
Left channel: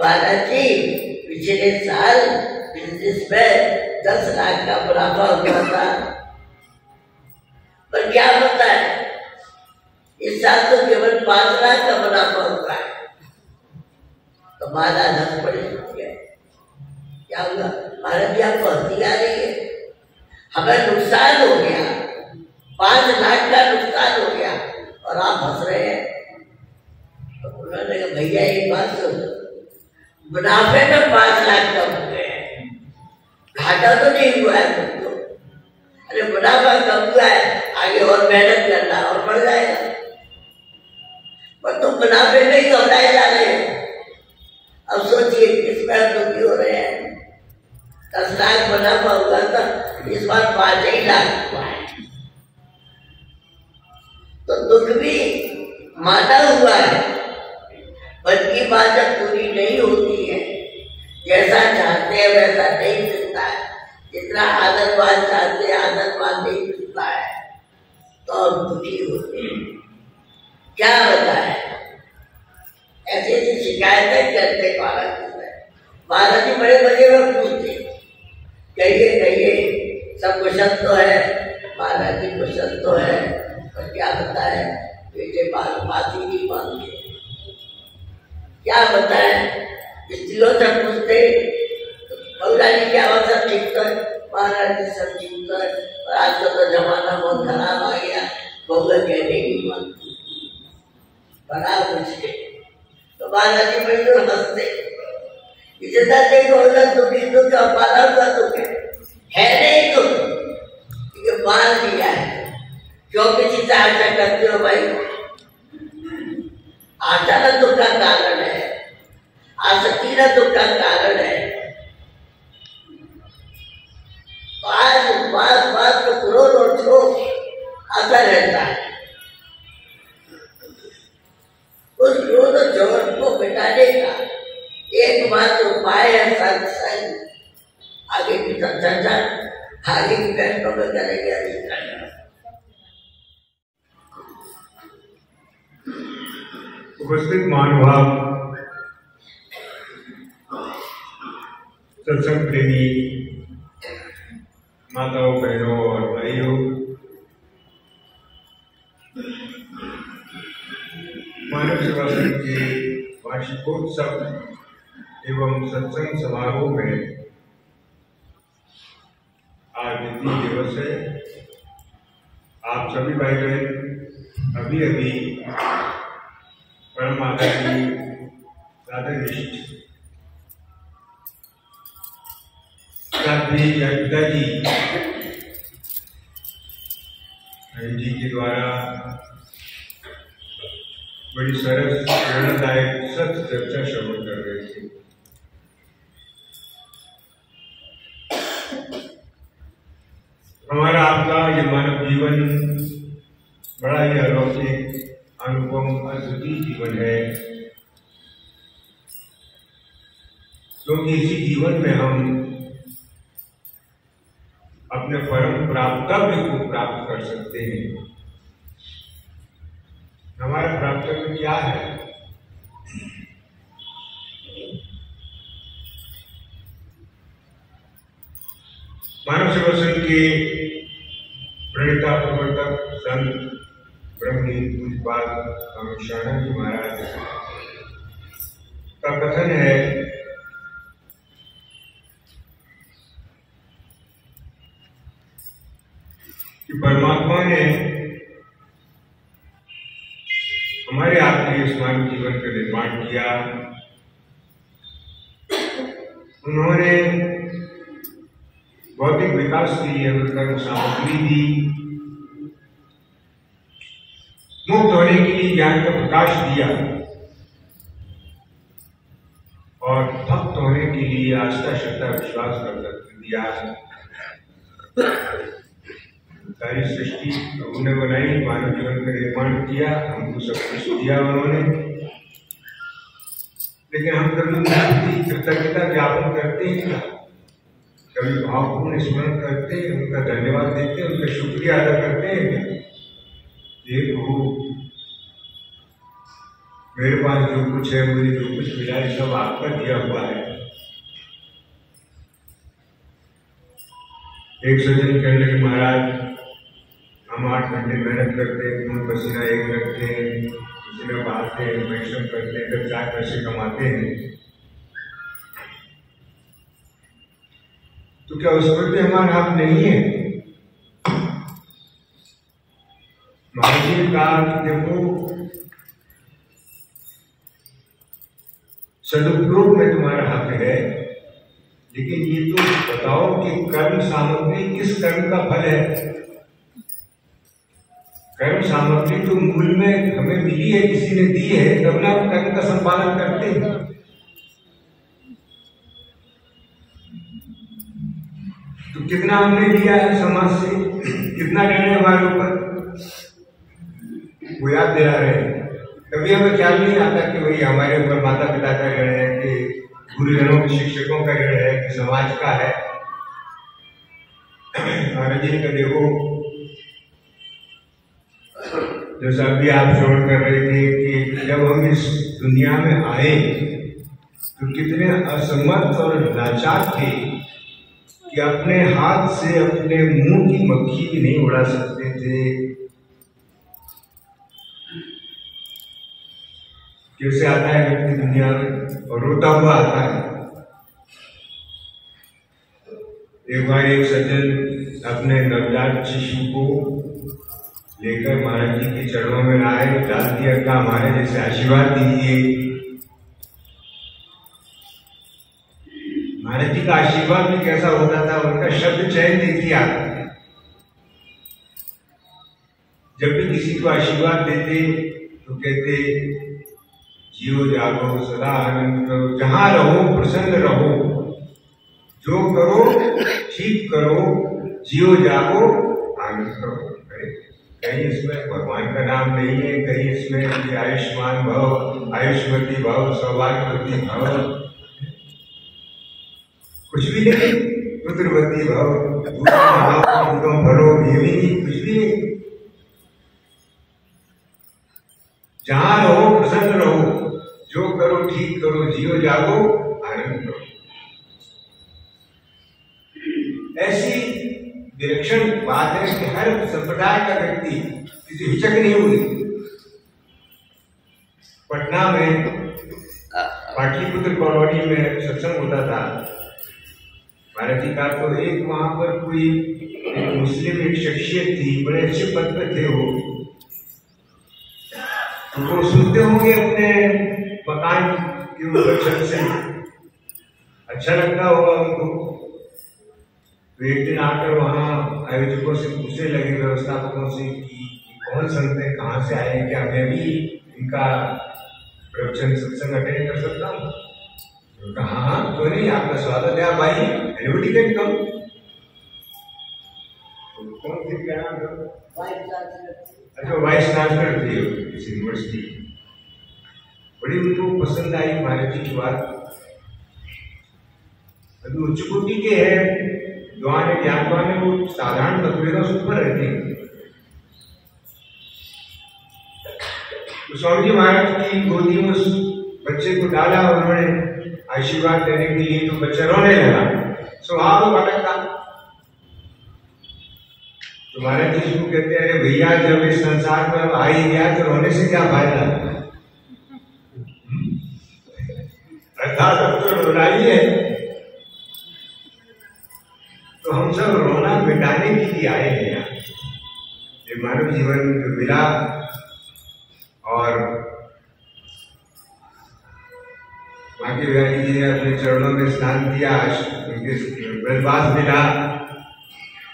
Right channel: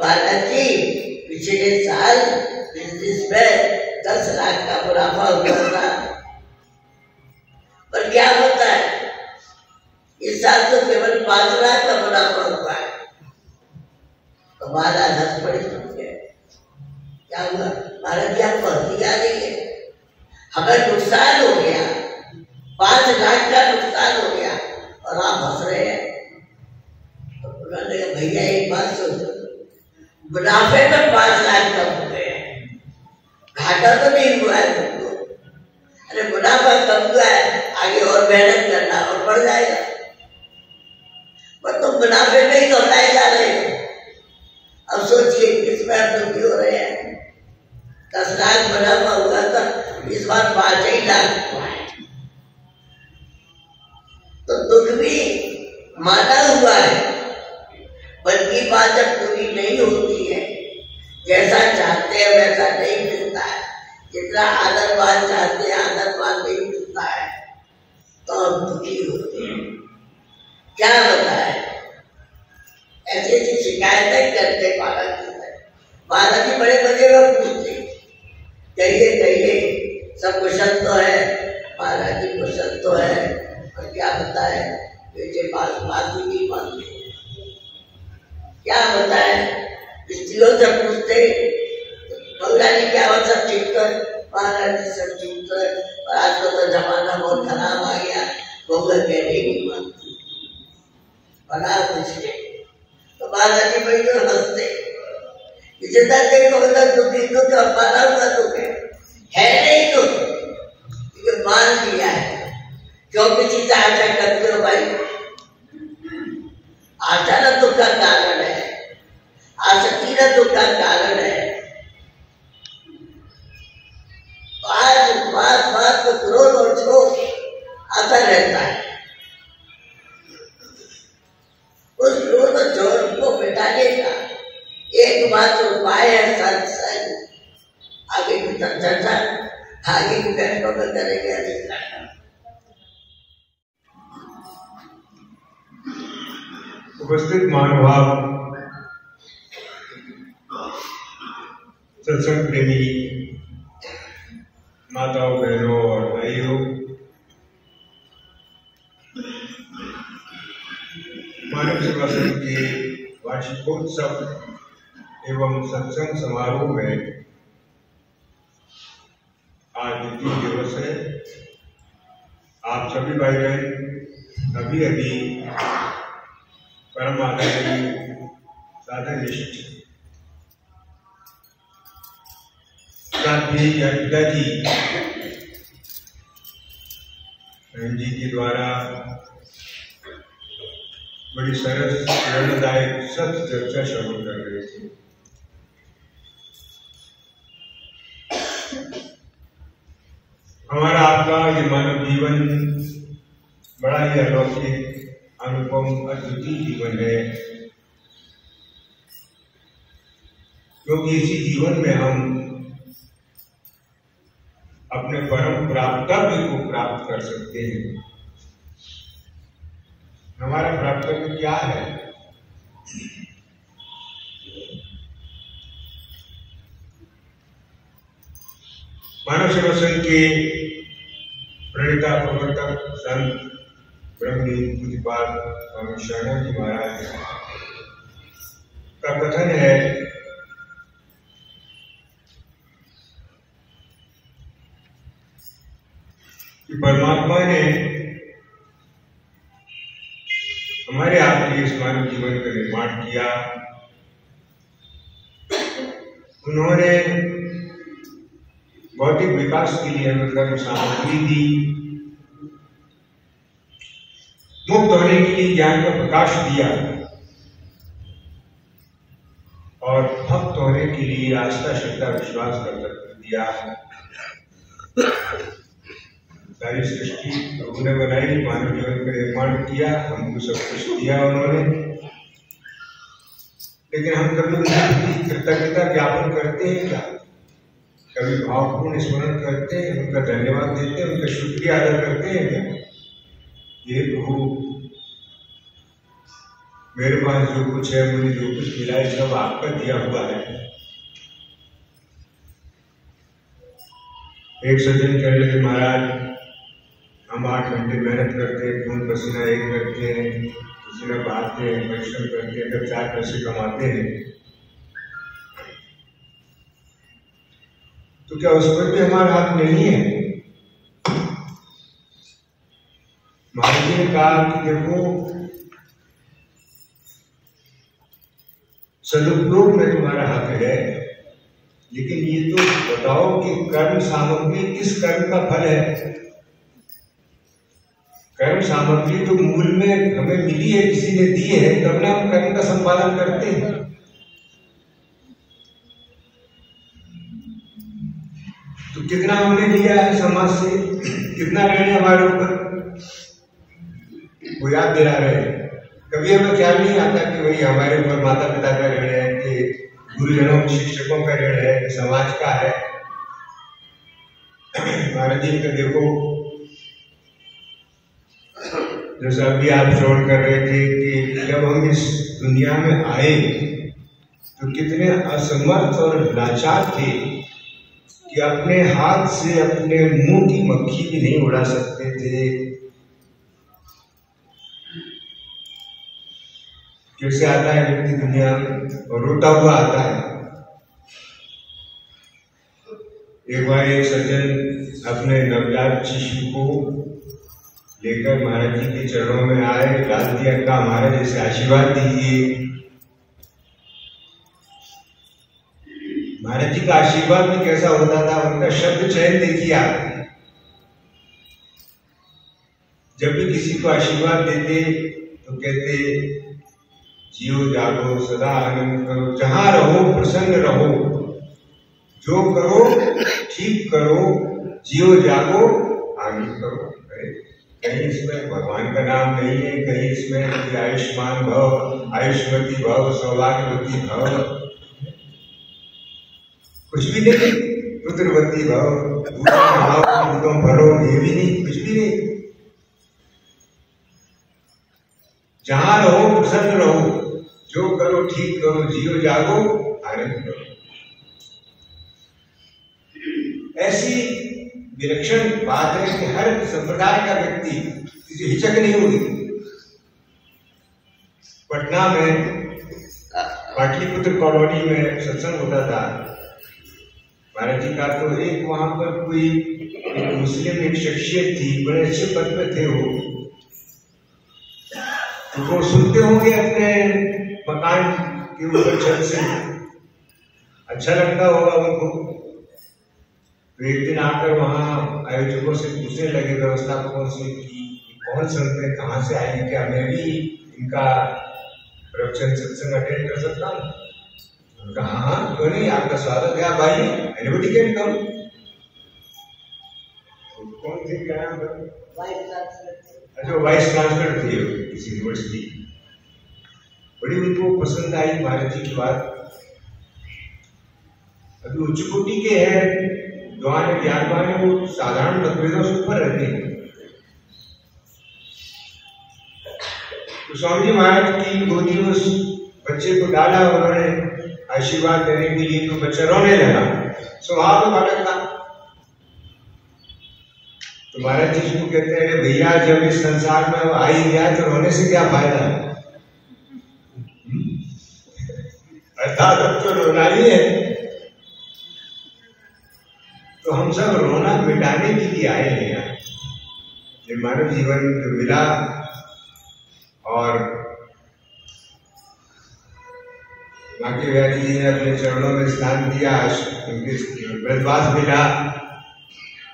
महाराज जी पिछले साल बिजनेस में 10 लाख का मुनाफा हुआ था, पर क्या होता है इस साल तो केवल 5 लाख का मुनाफा हुआ है। तो महाराज हंस पड़े, क्या हुआ? महाराज जी आपको हंसी आ रही है, हमें नुकसान हो गया, 5 लाख का नुकसान हो गया और आप हंस रहे हैं। तो उन्होंने कहा भैया एक बात सोचो, मुनाफे में 5 लाख कम हो गए, घाटा तो नहीं हुआ है तुमको। अरे मुनाफा कम हुआ है, आगे और मेहनत करना और बढ़ जाएगा, पर तुम मुनाफे में ही घबराए जा रहे हो। अब सोचिए किसमें हम दुखी हो रहे हैं। 10 लाख मुनाफा हुआ था, इस बार 5 ही लाख हुआ है, तो दुख भी माना हुआ है। बल्कि बात जब पूरी नहीं होती है, जैसा चाहते हैं वैसा नहीं मिलता है, जितना आदरवाद चाहते हैं आदरवाद नहीं मिलता है, तो हम दुखी होते हैं। क्या बताए, ऐसी ऐसी शिकायतें करते महाराज जी बड़े मजे में पूछते, कहिए कहिए सब कुशल तो है? महाराज जी कुशल तो है, पर क्या बताए बेटे बात ही नहीं मानते। क्या बताए, स्त्रियों से पूछते बउला जी क्या बात, सब ठीक तो है? महाराज जी सब ठीक तो है, और आजकल तो जमाना बहुत खराब आ गया, बउला कहने नहीं मानती, बड़ा मुश्किल। तो बालाजी मयूर हंसते, जितना देखो उधर दुखी दुख और बाला का दुख है नहीं दुख, ये मान लिया है। जो किसी से आशा करते हो भाई, आशा न दुख का कारण है, आसक्ति न दुख का कारण है। आज बात बात को क्रोध और क्षोभ आता रहता है। उस क्रोध और क्षोभ को मिटाने का एकमात्र उपाय है सत्संग। आगे की चर्चा आगे की बैठकों में करेंगे। अधिक उपस्थित महानुभाव, सत्संग प्रेमी माताओं, बहनों और भाइयों, मानव सेवा संघ के वार्षिकोत्सव एवं सत्संग समारोह में आज द्वितीय दिवस है। आप सभी भाई बहन अभी अभी परम आदरणीय साधननिष्ठ साध्वी पिताजी जी के द्वारा बड़ी सरस प्रेरणादायक सत्य चर्चा श्रवण कर रहे थे। हमारा आपका ये मानव जीवन बड़ा ही अलौकिक, अनुपम, अद्वितीय जीवन है, क्योंकि इसी जीवन में हम अपने परम प्राप्तव्य को प्राप्त कर सकते हैं। हमारा प्राप्तव्य क्या है? मानव सेवा संघ के प्रणेता प्रवर्तक संत ब्रह्मलीन पूज्यपाद स्वामी शरणानंद जी महाराज का कथन है कि परमात्मा ने हमारे आपके इस मानव जीवन का निर्माण किया। उन्होंने भौतिक विकास के लिए हमें कर्म सामग्री दी, मुक्त होने के लिए ज्ञान का प्रकाश दिया और भक्त होने के लिए आस्था, श्रद्धा, विश्वास का तत्व दिया। सारी सृष्टि प्रभु ने बनाई, मानव जीवन का निर्माण किया, हमको सब कुछ दिया उन्होंने। लेकिन हम कभी उनकी कृतज्ञता ज्ञापन करते हैं क्या? कभी भावपूर्ण स्मरण करते हैं, उनका धन्यवाद देते हैं, उनका शुक्रिया अदा करते हैं क्या? ये प्रभु, मेरे पास जो कुछ है, मुझे जो कुछ मिला है, सब आपका दिया हुआ है। एक सज्जन कहने लगे, महाराज हम 8 घंटे मेहनत करते हैं, खून पसीना एक करते हैं, पसीना बहाते हैं, परिश्रम करते हैं, तब 4 पैसे कमाते हैं, तो क्या उस पर भी हमारा हक नहीं है? महाराज जी ने कहा कि देखो, सदुपयोग में तुम्हारा हक है, लेकिन ये तो बताओ कि कर्म सामग्री किस कर्म का फल है? कर्म सामग्री तो मूल में हमें मिली है, किसी ने दी है, तब ना हम कर्म का संपादन करते हैं। तो कितना हमने लिया है समाज से, कितना ऋण है हमारे ऊपर, वो याद दिला रहे हैं। कभी हमें ख्याल नहीं आता कि भाई हमारे ऊपर माता पिता का ऋण है, कि गुरुजनों, शिक्षकों का ऋण है, कि समाज का है। महाराज जी का देखो, जैसा अभी आप श्रवण कर रहे थे कि जब हम इस दुनिया में आए तो कितने असमर्थ और लाचार थे कि अपने हाथ से अपने मुंह की मक्खी भी नहीं उड़ा सकते थे। कैसे आता है व्यक्ति दुनिया में और रोता हुआ आता है। एक बार एक सज्जन अपने नवजात शिशु को लेकर महाराज जी के चरणों में आए, डाल दिया, कहा महाराज जैसे आशीर्वाद दीजिए। महाराज जी का आशीर्वाद भी कैसा होता था, उनका शब्द चयन देखिए आप। जब भी किसी को आशीर्वाद देते तो कहते जियो जागो सदा आनंद करो, जहां रहो प्रसन्न रहो, जो करो ठीक करो, जियो जागो आनंद करो। कहीं इसमें भगवान का नाम नहीं है, कहीं इसमें कि आयुष्मान भव, आयुष्मती भव, सौभाग्यवती भव, कुछ भी नहीं। पुत्रवती भव, दूतम भरो, ये भी नहीं, कुछ भी नहीं। जहां रहो प्रसन्न रहो, जो करो ठीक करो, जियो जागो आनंद करो। ऐसी विलक्षण बात है कि हर संप्रदाय का व्यक्ति किसी हिचक नहीं हुई। पटना में पाटलिपुत्र कॉलोनी में सत्संग होता था महाराज जी का, तो एक वहां पर कोई मुस्लिम एक शख्सियत थी, बड़े अच्छे पद पे थे वो, तो वो सुनते होंगे अपने मकान के ऊपर छत से, अच्छा लगता होगा उनको। तो एक दिन आकर वहाँ आयोजकों से पूछने लगे, व्यवस्थापकों से, कि कौन संत है, कहाँ से आए, क्या मैं भी इनका प्रवचन सत्संग अटेंड कर सकता हूँ? उनका हाँ क्यों नहीं, आपका स्वागत है, आप आइए, एनीबॉडी कैन कम। कौन थे, क्या नाम था? अच्छा, वाइस चांसलर थे किसी यूनिवर्सिटी। बड़ी उनको पसंद आई महाराज जी की बात। अभी उच्च कोटि के हैं, ज्ञान ज्ञानवान है, वो साधारण मतभेदों से ऊपर रहते हैं। तो स्वामी जी महाराज की गोदी में उस बच्चे को डाला, उन्होंने आशीर्वाद देने के लिए, तो बच्चा रोने लगा, स्वभाव अलग था। तो महाराज जी उसको कहते हैं, अरे भैया जब इस संसार में अब आ ही गया तो रोने से क्या फायदा, अर्थात अब तो रोना ही है। तो हम सब रोना मिटाने के लिए आए हैं यहाँ। ये मानव जीवन जो मिला और बाकी बिहारी जी ने अपने चरणों में स्थान दिया, उनके ब्रजवास मिला,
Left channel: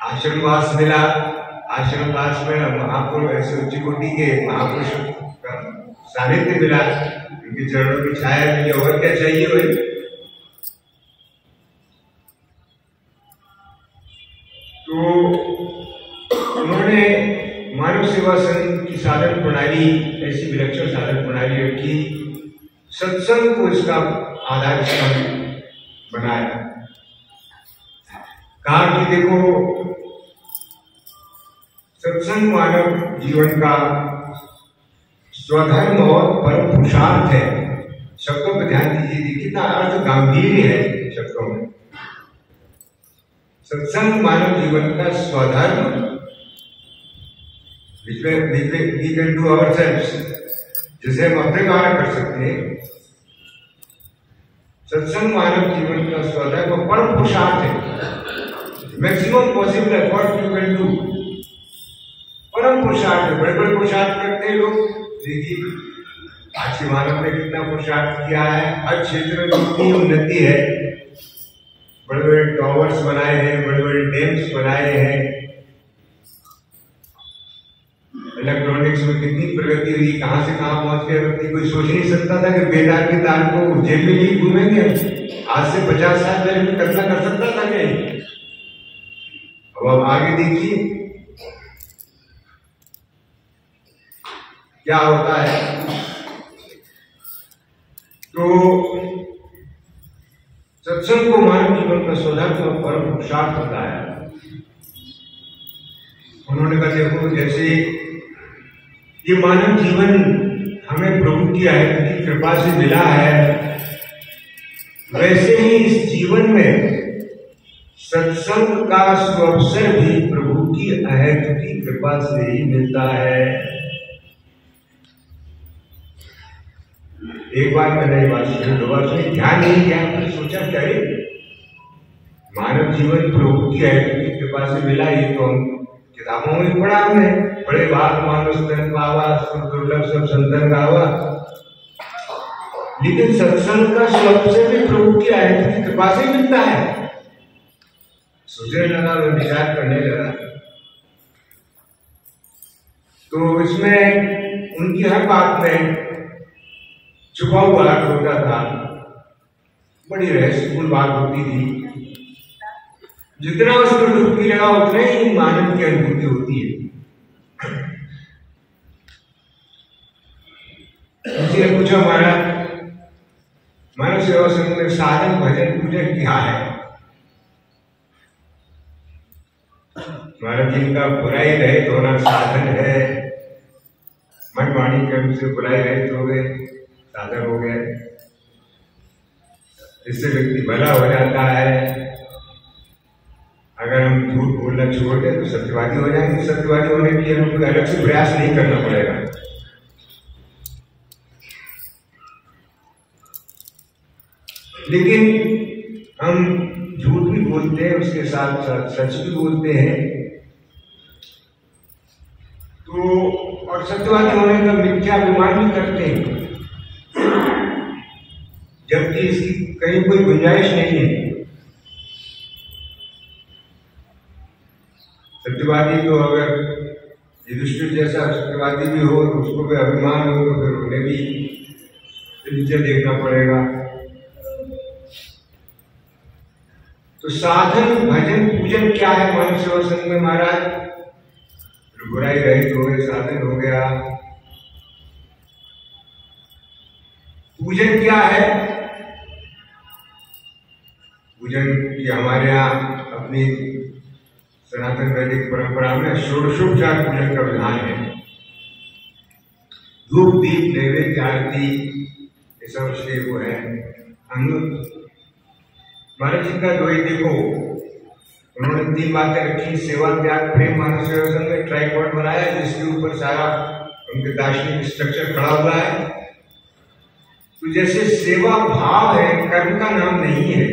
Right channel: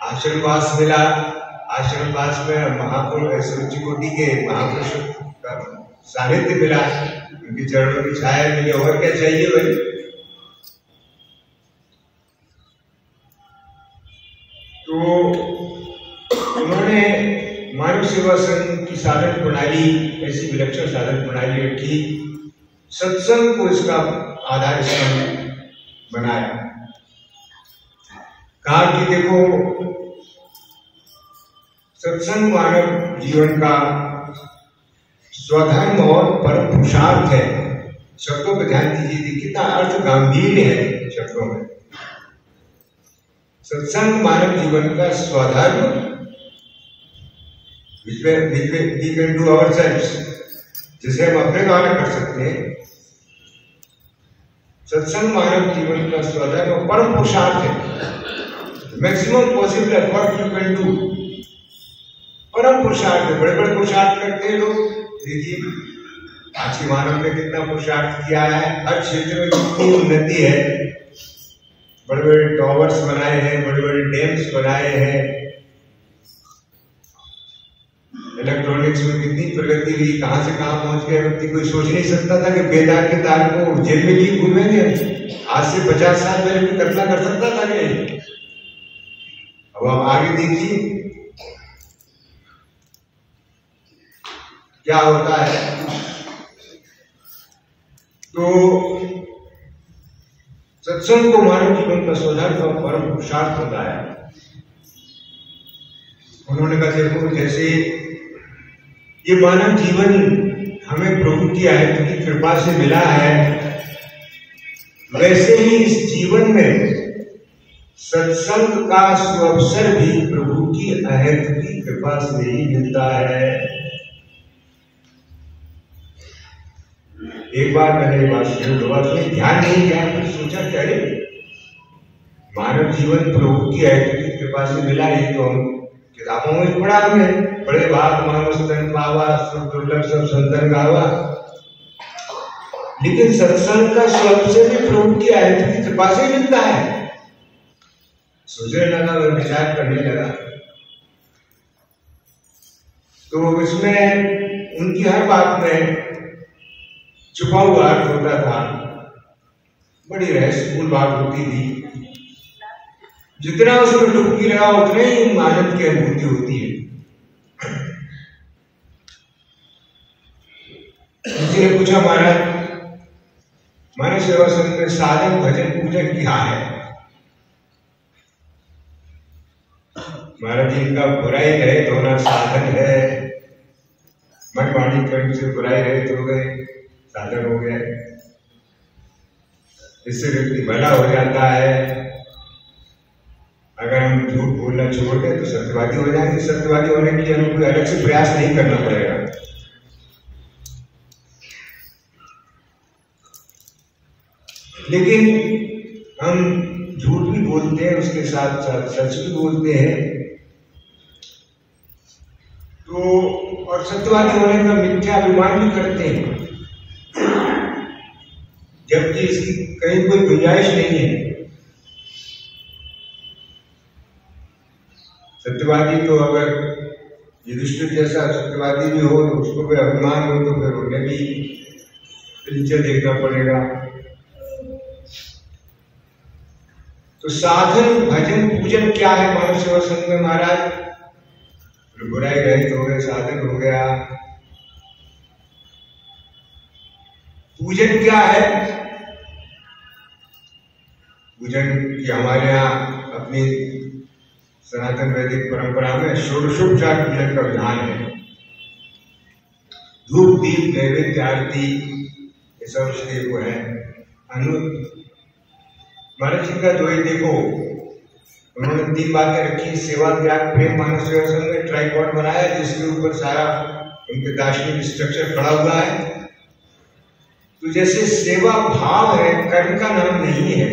आश्रमवास मिला। आश्रमवास में महापुरुष, ऐसे उच्च कोटि के महापुरुषों का सानिध्य मिला, उनके चरणों की छाया मिली, और क्या चाहिए भाई। तो उन्होंने मानव सेवा संघ की साधन प्रणाली, ऐसी विलक्षण साधन प्रणाली रखी, सत्संग को इसका आधार स्तंभ बनाया। कहा कि देखो सत्संग मानव जीवन का स्वधर्म और परम पुरुषार्थ है। शब्दों पर ध्यान दीजिए, कितना अर्थ गंभीर है शब्दों में। सत्संग मानव जीवन का स्वधर्म, we can do ourselves, जिसे हम अपने द्वारा कर सकते हैं। सत्संग मानव जीवन का स्वधर्म और परम पुरुषार्थ है। Maximum possible effort you can do. परम पुरुषार्थ है। बड़े बड़े पुरुषार्थ करते हैं लोग, देखिए आज के मानव ने कितना पुरुषार्थ किया है, हर क्षेत्र में कितनी उन्नति है, बड़े बड़े टॉवर्स बनाए हैं, बड़े बड़े डैम्स बनाए हैं, इलेक्ट्रॉनिक्स में कितनी प्रगति हुई, कहां से कहां पहुंच गया। व्यक्ति कोई सोच नहीं सकता था कि बेदाग के तार को जेल में लिए घूमेंगे। आज से 50 साल पहले कोई कल्पना कर सकता था कि अब आप आगे देखिए क्या होता है। तो सत्संग को मानव जीवन का स्वधर्म और परम पुरुषार्थ होता है। उन्होंने कहा देखो जैसे ये मानव जीवन हमें प्रभु की आयत की कृपा से मिला है, वैसे ही इस जीवन में सत्संग का सुअवसर भी प्रभु की आयत की कृपा से ही मिलता है। एक बार मैंने ये बात सुनी, दो बार सुनी, ध्यान नहीं किया, फिर सोचा क्या ये मानव जीवन प्रभु की आयत की कृपा से मिला। ये तो हम किताबों में पढ़ा हमने, बड़े भाग मानव स्तन पावा, सब दुर्लभ सब संतन गावा। लेकिन सत्संग का स्वरूप से भी प्रभु की आयत की कृपा से मिलता है। सोचने लगा, विचार करने लगा, तो इसमें उनकी हर बात में छुपा हुआ अर्थ होता था, बड़ी रहस्यपूर्ण बात होती थी। जितना उसमें डुबकी लगा उतना ही आनंद की अनुभूति होती है। किसी ने पूछा, महाराज मानव सेवा संघ में साधन भजन पूजन क्या है? महाराज जी का बुराई रहित होना साधन है। मन वाणी कर्म से बुराई रहित हो गए, साधन हो गए। इससे व्यक्ति भला हो जाता है। अगर हम झूठ बोलना छोड़ दें तो सत्यवादी हो जाएंगे। सत्यवादी होने के लिए हमें कोई अलग से प्रयास नहीं करना पड़ेगा। लेकिन हम झूठ भी बोलते हैं, उसके साथ साथ सच भी बोलते हैं, तो और सत्यवादी होने का मिथ्या अभिमान भी करते हैं, जबकि इसकी कहीं कोई गुंजाइश नहीं है। सत्यवादी तो अगर युधिष्ठिर जैसा सत्यवादी भी हो, उसको भी अभिमान हो, तो फिर उन्हें भी नीचे देखना पड़ेगा। तो साधन भजन पूजन क्या है मानव सेवा संघ में महाराज? बुराई रहित हो गए, साधन हो गया। पूजन क्या है? पूजन की हमारे यहाँ अपनी सनातन वैदिक परंपरा में षोडशोपचार पूजन का विधान है। धूप दीप नैवेद्य आरती ये सब श्रेय को है। महाराज जी का द्वैत देखो, उन्होंने 3 बातें रखी। सेवा त्याग प्रेम मानव सेवा संघ में ट्राइपॉड बनाया, जिसके ऊपर सारा उनके दार्शनिक स्ट्रक्चर खड़ा हुआ है। तो जैसे सेवा भाव है, कर्म का नाम नहीं है,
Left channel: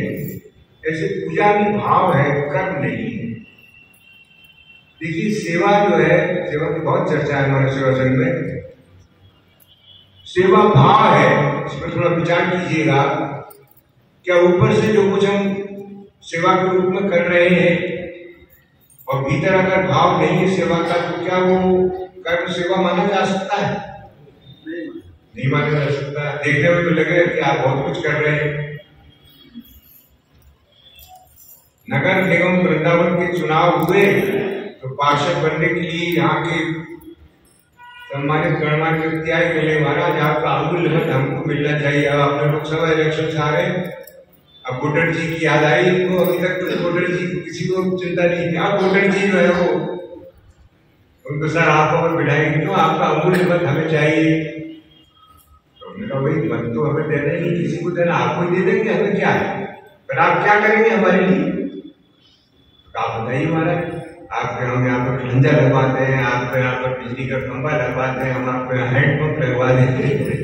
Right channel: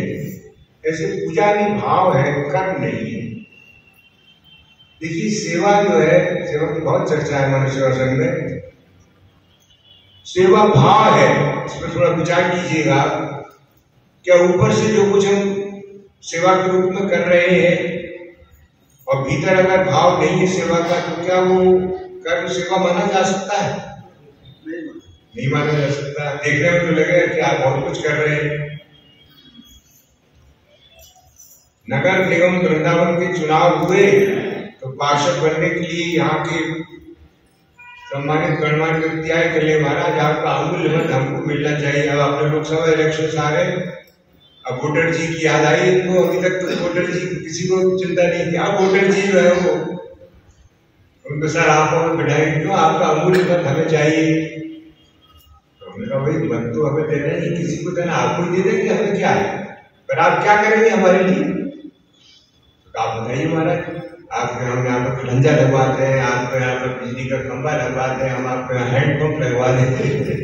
ऐसे पूजा भी भाव है, कर्म नहीं है। देखिए सेवा जो है, सेवा की बहुत चर्चा है मानव सेवा संघ में। सेवा भाव है, इस पर थोड़ा विचार कीजिएगा। क्या ऊपर से जो कुछ हम सेवा के रूप में कर रहे हैं और भीतर अगर भाव नहीं है सेवा का, तो क्या वो कर्म सेवा माना जा सकता है? नहीं माना जा सकता। देखने में तो लगे कि आप बहुत कुछ कर रहे हैं। नगर निगम वृंदावन के चुनाव हुए तो पार्षद बनने के लिए यहाँ के सम्मानित गणमान्य व्यक्ति आए, बोले महाराज आपका अमूल्य मत हमको मिलना चाहिए। अब आपने लोकसभा इलेक्शन आ रहे, अब वोटर जी की याद आई इनको। अभी तक तो वोटर जी किसी को चिंता नहीं थी, अब वोटर जी जो है वो उनको सर आप हमें बिठाएंगे क्यों? आपका अमूल्य मत हमें चाहिए। तो उन्होंने कहा भाई मत तो हमें देना ही, किसी को देना, आपको दे देंगे, हमें क्या है, पर आप क्या करेंगे हमारे लिए? तो आप बताइए महाराज, आप हम यहाँ पर खंजा लगवाते हैं, आप यहाँ पर बिजली का खंभा लगवाते हैं, हम आपको यहाँ हैंडपंप लगवा देते हैं,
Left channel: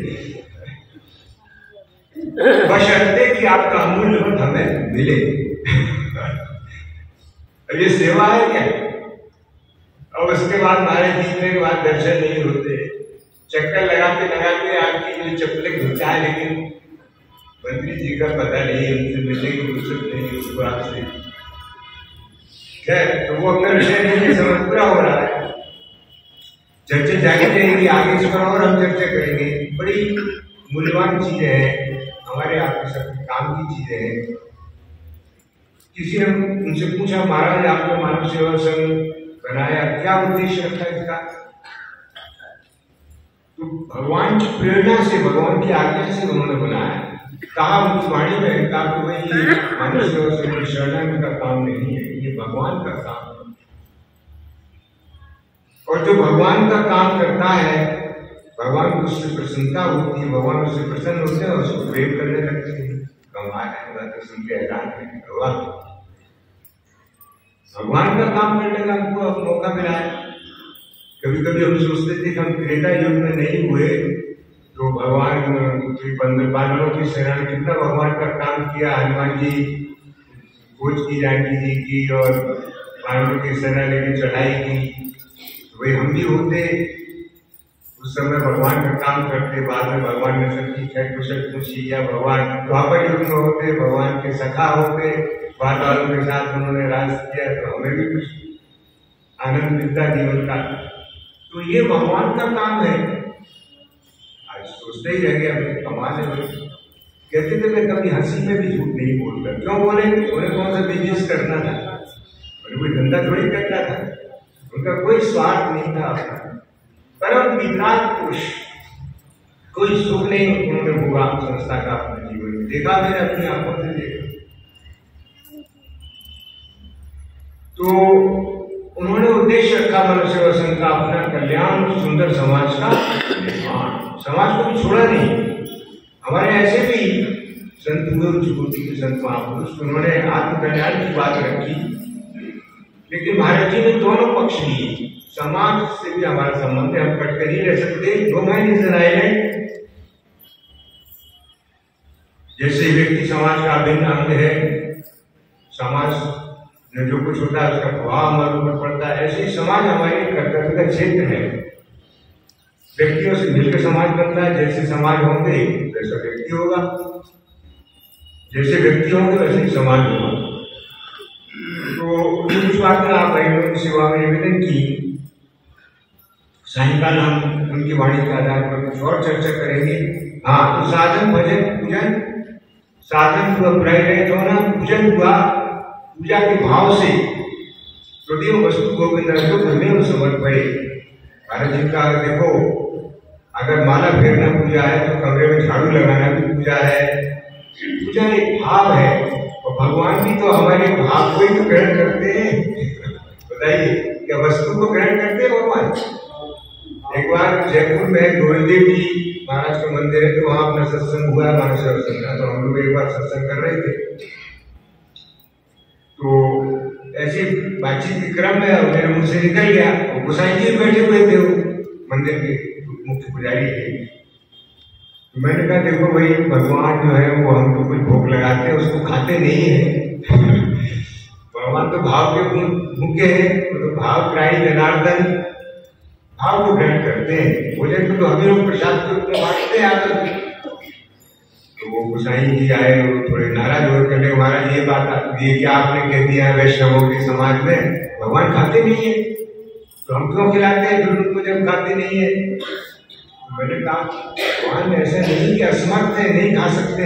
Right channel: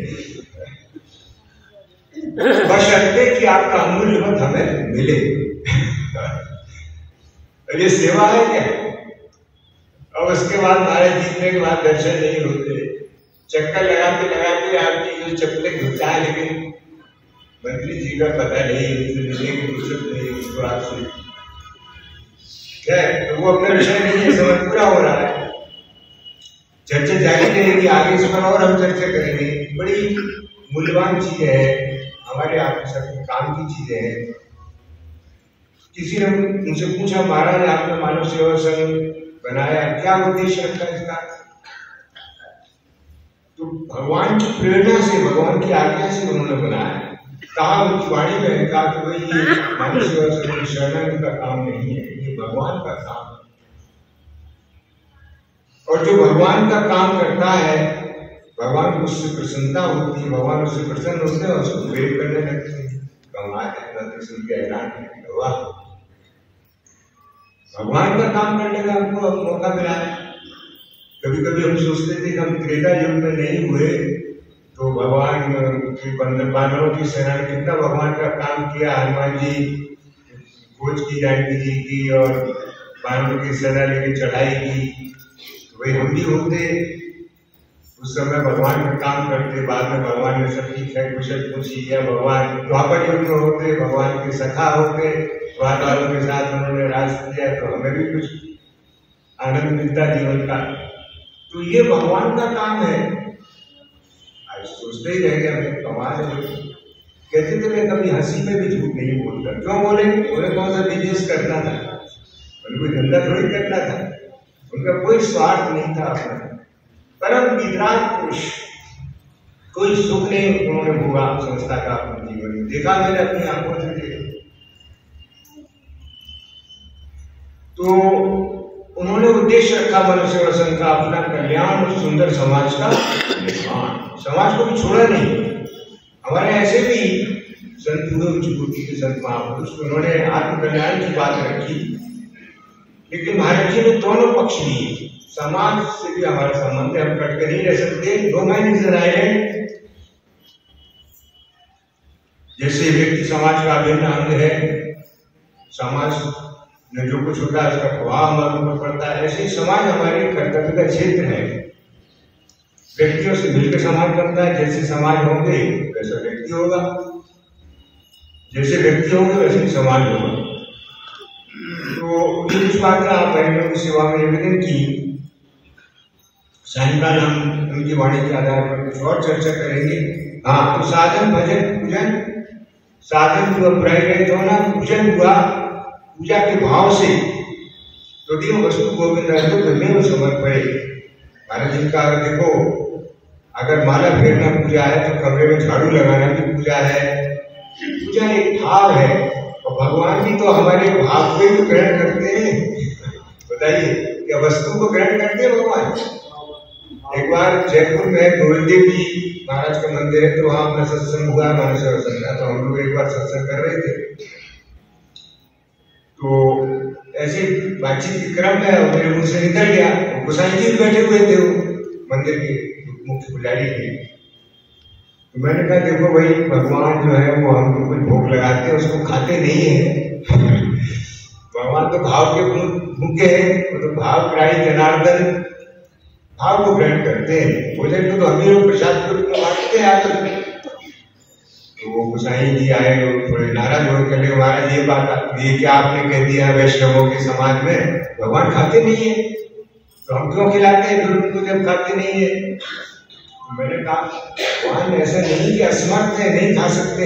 बशर्ते कि आपका अमूल्य मत हमें मिले। ये सेवा है क्या? और उसके बाद हमारे जीतने के बाद दर्शन नहीं होते, चक्कर लगाते लगाते आपकी जो चप्पलें घुसा है, लेकिन मंत्री जी का पता नहीं, उनसे मिलने की फुर्सत नहीं उसको आपसे। खैर, तो वो अपना विषय नहीं है, समय पूरा हो रहा है, चर्चा जारी रहेगी, आगे इस पर और हम चर्चा करेंगे। बड़ी मूल्यवान चीजें हैं, हमारे आप सबके काम की चीजें हैं। किसी ने उनसे पूछा महाराज आपने मानव सेवा संघ बनाया, क्या उद्देश्य रखा इसका? तो भगवान की प्रेरणा से, भगवान की आज्ञा से उन्होंने बनाया। कहा उनकी वाणी में कहा कि भाई ये मानव सेवा संघ शरण का काम नहीं है, ये भगवान का काम है। और जो भगवान का काम करता है, भगवान को उससे प्रसन्नता होती है, भगवान उससे प्रसन्न होते हैं और उसको प्रेम करने लगते हैं। कमाल है, सुन के हैरान है, वाह, भगवान का काम करने का हमको मौका मिला है। कभी कभी हम सोचते थे कि हम त्रेता युग में नहीं हुए तो भगवान की बानरों की सेना ने कितना भगवान का काम किया। हनुमान जी खोज की, जानकी जी की, और बानरों की सेना लेकर चढ़ाई की, तो भाई हम भी होते उस समय भगवान का काम करते, बाद में भगवान ने सबकी खैर कुशल पूछी, या भगवान द्वापर युग में होते, भगवान के सखा होते, द्वार वालों के साथ उन्होंने राज किया, तो हमें भी कुछ आनंद मिलता जीवन का। तो ये भगवान का काम है। आज सोचते ही रह गया, कमाल है भाई। कहते थे मैं कभी हंसी में भी झूठ नहीं बोलता। क्यों बोले? उन्हें कौन सा बिजनेस करना था, उन्हें कोई धंधा थोड़ी करना था, उनका कोई स्वार्थ नहीं था अपना। परम वितराग पुरुष, कोई सुख नहीं उन्होंने भोगा संस्था का अपने जीवन में, देखा मैंने अपनी आंखों से देखा। तो उन्होंने उद्देश्य रखा मनुष्य वसन का, अपना कल्याण और सुंदर समाज का निर्माण। समाज को भी छोड़ा नहीं। हमारे ऐसे भी संत हुए उच्च कोटि के संत महापुरुष, उन्होंने आत्म कल्याण की बात रखी, लेकिन महाराज जी ने दोनों पक्ष लिए। समाज से भी हमारा संबंध है, हम कट कर नहीं रह सकते। दो मैन इज एन आइलैंड। जैसे व्यक्ति समाज का अभिन्न अंग है, समाज में जो कुछ होता है उसका प्रभाव हमारे ऊपर पड़ता है, ऐसे ही समाज हमारे कर्तव्य का क्षेत्र है। व्यक्तियों से मिलकर समाज बनता है। जैसे समाज होंगे वैसा व्यक्ति होगा, जैसे व्यक्ति होंगे वैसे ही समाज होगा। तो कुछ बातें आप बहनों की सेवा में निवेदन की। सायंकाल हम उनकी वाणी के आधार पर कुछ और चर्चा करेंगे। हाँ, तो साधन भजन पूजन, साधन प्रयत होना, पूजन हुआ पूजा के भाव से। तदेव वस्तु गोविंद धर्मेव समर्पये। महाराज जी का देखो, अगर माला फेरना पूजा है तो कमरे में झाड़ू लगाना भी पूजा है। पूजा एक भाव है, और भगवान भी तो हमारे भाव को ही तो ग्रहण करते हैं। बताइए, क्या वस्तु को ग्रहण करते हैं भगवान? एक बार जयपुर में गोविंद देव जी महाराज का मंदिर है, तो वहां अपना सत्संग हुआ मानस वसन का। तो हम लोग एक बार सत्संग कर रहे थे, तो ऐसे बातचीत के क्रम में मेरे मुंह से निकल गया, गोसाई जी बैठे हुए थे वो मंदिर के मुख्य पुजारी थे। तो मैंने कहा देखो भाई, भगवान जो है वो हमको कुछ भोग लगाते हैं, उसको खाते नहीं है। भगवान तो भाव के भूखे हैं, तो भाव ग्राही जनार्दन भाव को ग्रहण करते हैं। भोजन को तो हम ही लोग प्रसाद के रूप में बांटते हैं आकर। तो वो गोसाई जी आए और थोड़े नाराज हो कहने, महाराज ये बात, ये क्या आपने कह दिया वैष्णवों के समाज में भगवान खाते नहीं है, तो हम क्यों खिलाते हैं फिर उनको जब खाते नहीं है? तो मैंने कहा भगवान ऐसा नहीं कि असमर्थ है, नहीं खा सकते,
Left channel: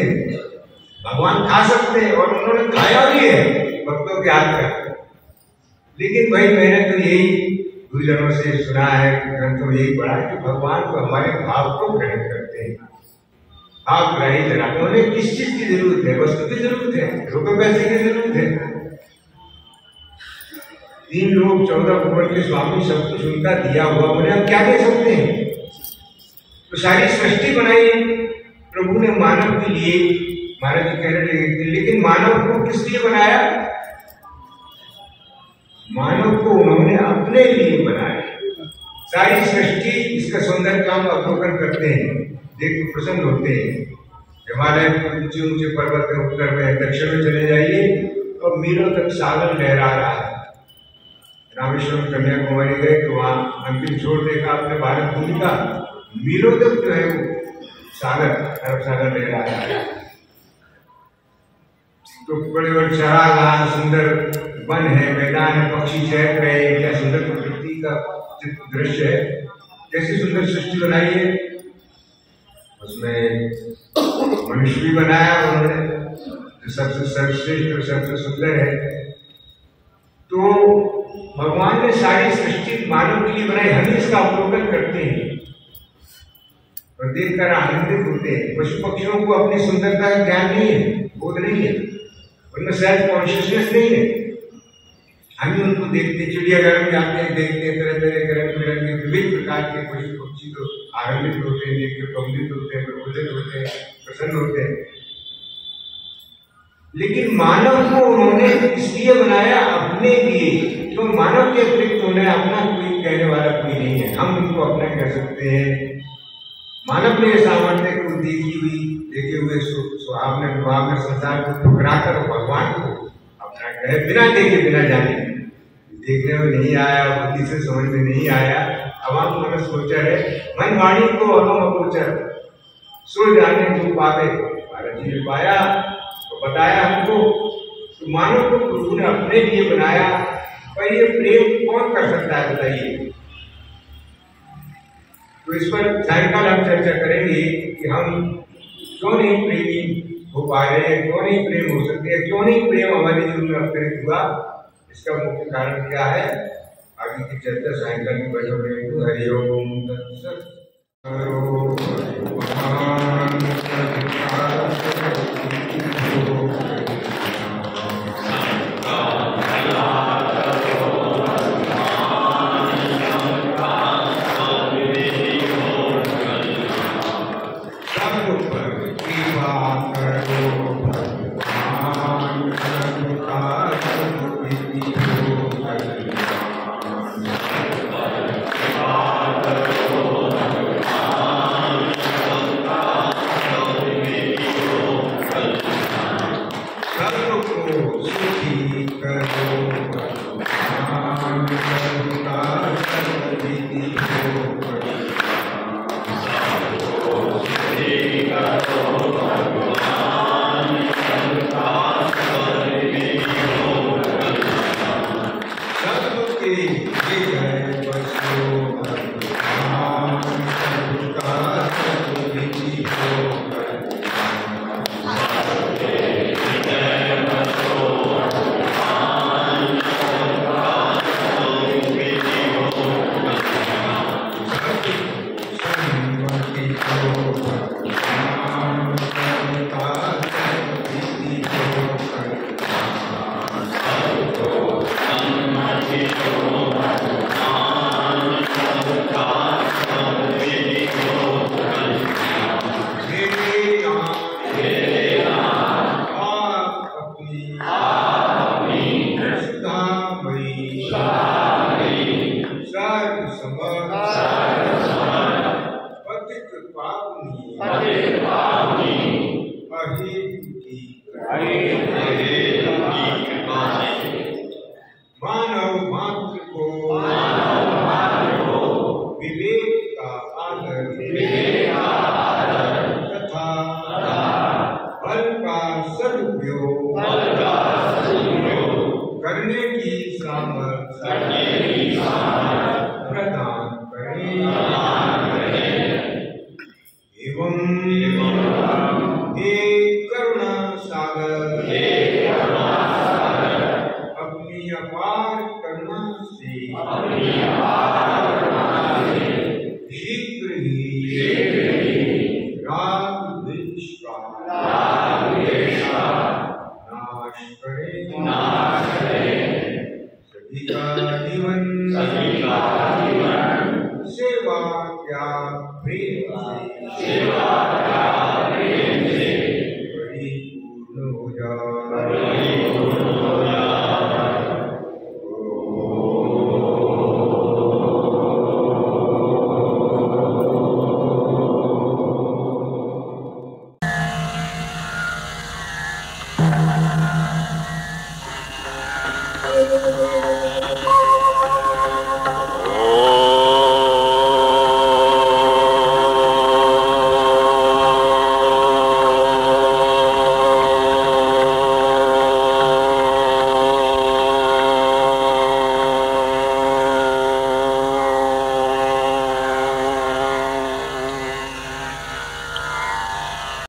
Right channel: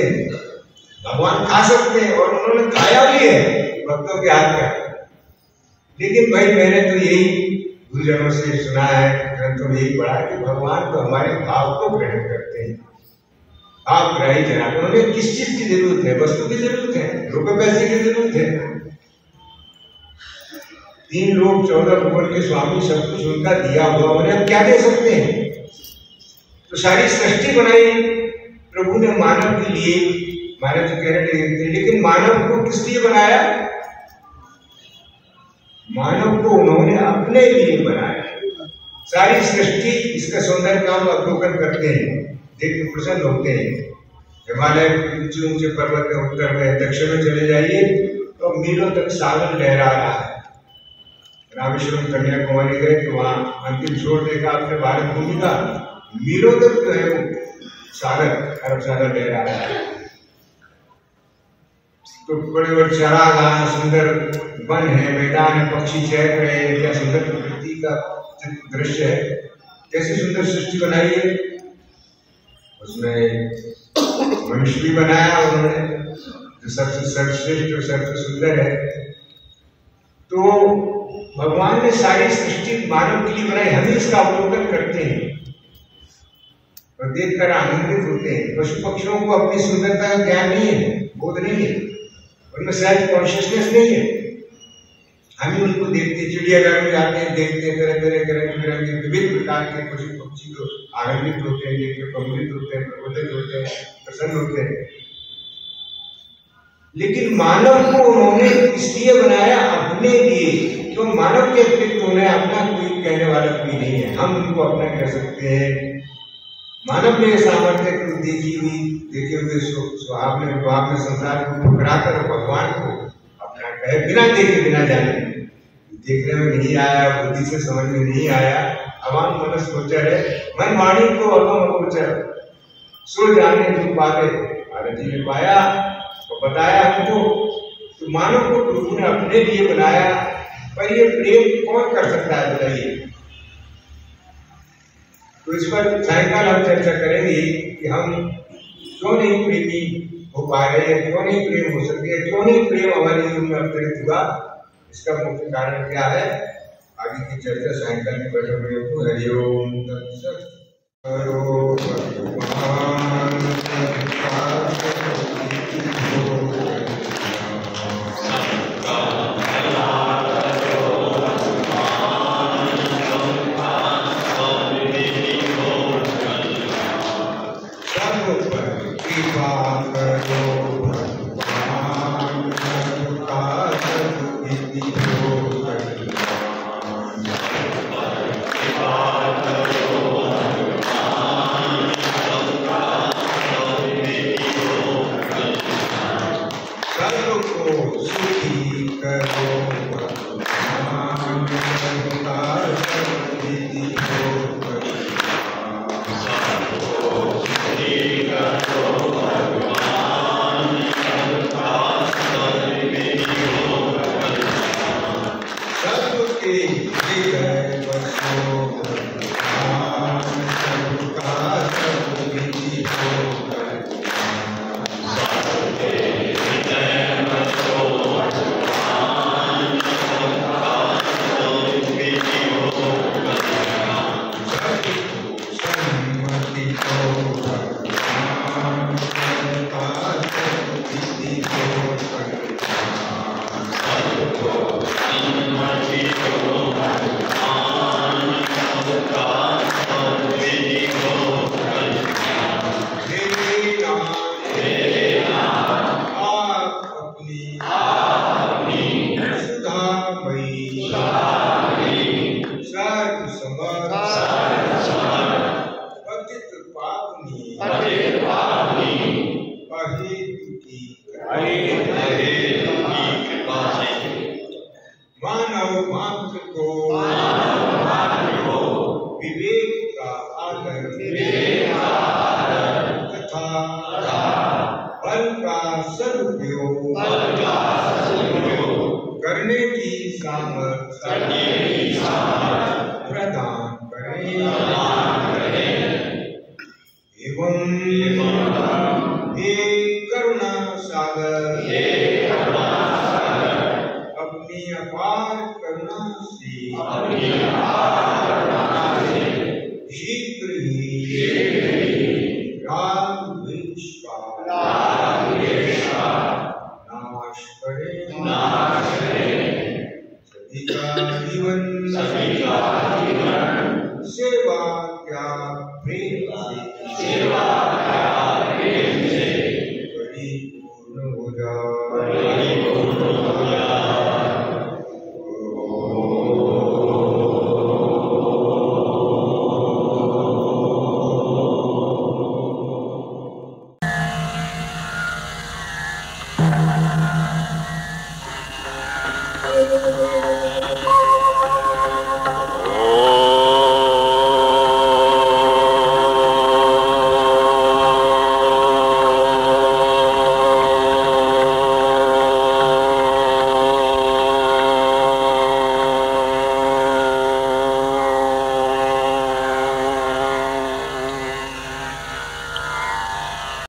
भगवान खा सकते हैं, और उन्होंने खाया भी है भक्तों के हाथ का। लेकिन भाई मैंने तो यही गुरुजनों से सुना है, ग्रंथों में यही पढ़ा है कि भगवान को हमारे भाव को ग्रहण करते हैं। आप ग्राही जनार्दन, उन्हें किस चीज की जरूरत है? वस्तु की जरूरत है, रुपए पैसे की जरूरत है। 3 लोग 14 भुवन के स्वामी, सब कुछ उनका दिया हुआ, उन्हें हम क्या दे सकते हैं? तो सारी सृष्टि बनाई प्रभु ने मानव के लिए। महाराज जी कह रहे थे, लेकिन मानव को किस लिए बनाया? मानव को उन्होंने अपने लिए बनाया। सारी सृष्टि इसका सुंदर काम अवलोकन करते हैं, देख के प्रसन्न होते हैं। हिमालय ऊंचे ऊंचे पर्वत है, उत्तर में, दक्षिण में चले जाइए तो मीलों तक सागर लहरा रहा है। रामेश्वरम कन्याकुमारी गए तो वहां अंतिम छोर देखा आपने भारत भूमि का, मीलों तक जो है सागर, अरब सागर लहरा रहा है। तो बड़े बड़े चारागाह, सुंदर वन है, मैदान है, पक्षी चहक रहे हैं, क्या सुंदर प्रकृति का दृश्य है। कैसी सुंदर सृष्टि बनाई है। उसमें मनुष्य भी बनाया उन्होंने, जो सबसे सर्वश्रेष्ठ और सबसे सुंदर है। तो भगवान ने सारी सृष्टि मानव के लिए बनाई, हम ही इसका अवलोकन करते हैं और देखकर आनंदित होते हैं। पशु पक्षियों को अपनी सुंदरता का ज्ञान नहीं है, बोध नहीं है, उनमें सेल्फ कॉन्शियसनेस नहीं है। हम ही उनको देखते, चिड़ियाघर में जाते हैं, देखते हैं तरह तरह के रंग बिरंगे विविध प्रकार के पशु पक्षी, तो आनंदित होते हैं, देख के प्रमुदित होते हैं, प्रफुल्लित होते हैं, प्रसन्न होते हैं। लेकिन मानव को उन्होंने इसलिए बनाया अपने लिए, तो मानव के अतिरिक्त उन्हें अपना कोई कहने वाला कोई नहीं है, हम उनको अपना कह सकते हैं। मानव ने सामर्थ्य को देखे हुए स्वभाव ने संसार को ठुकराकर भगवान को अपना कहे, बिना देखे बिना जाने। देखने में नहीं आया, बुद्धि से समझ में नहीं आया, अवाम मनस गोचर है, मैं वाणी को अगम अगोचर, सुर जाने तुम पावे। भारत जी ने पाया तो बताया हमको, तो मानव को प्रभु ने अपने लिए बनाया, पर ये प्रेम कौन कर सकता है बताइए। तो इस पर सायंकाल हम चर्चा करेंगे कि हम क्यों नहीं प्रेमी हो पा रहे हैं, क्यों नहीं प्रेम हो सकते, क्यों नहीं प्रेम हमारे जीवन में अवतरित हुआ, इसका मुख्य कारण क्या है। आगे की चर्चा सायंकाल में बैठक में हो। हरिओम तत्सत।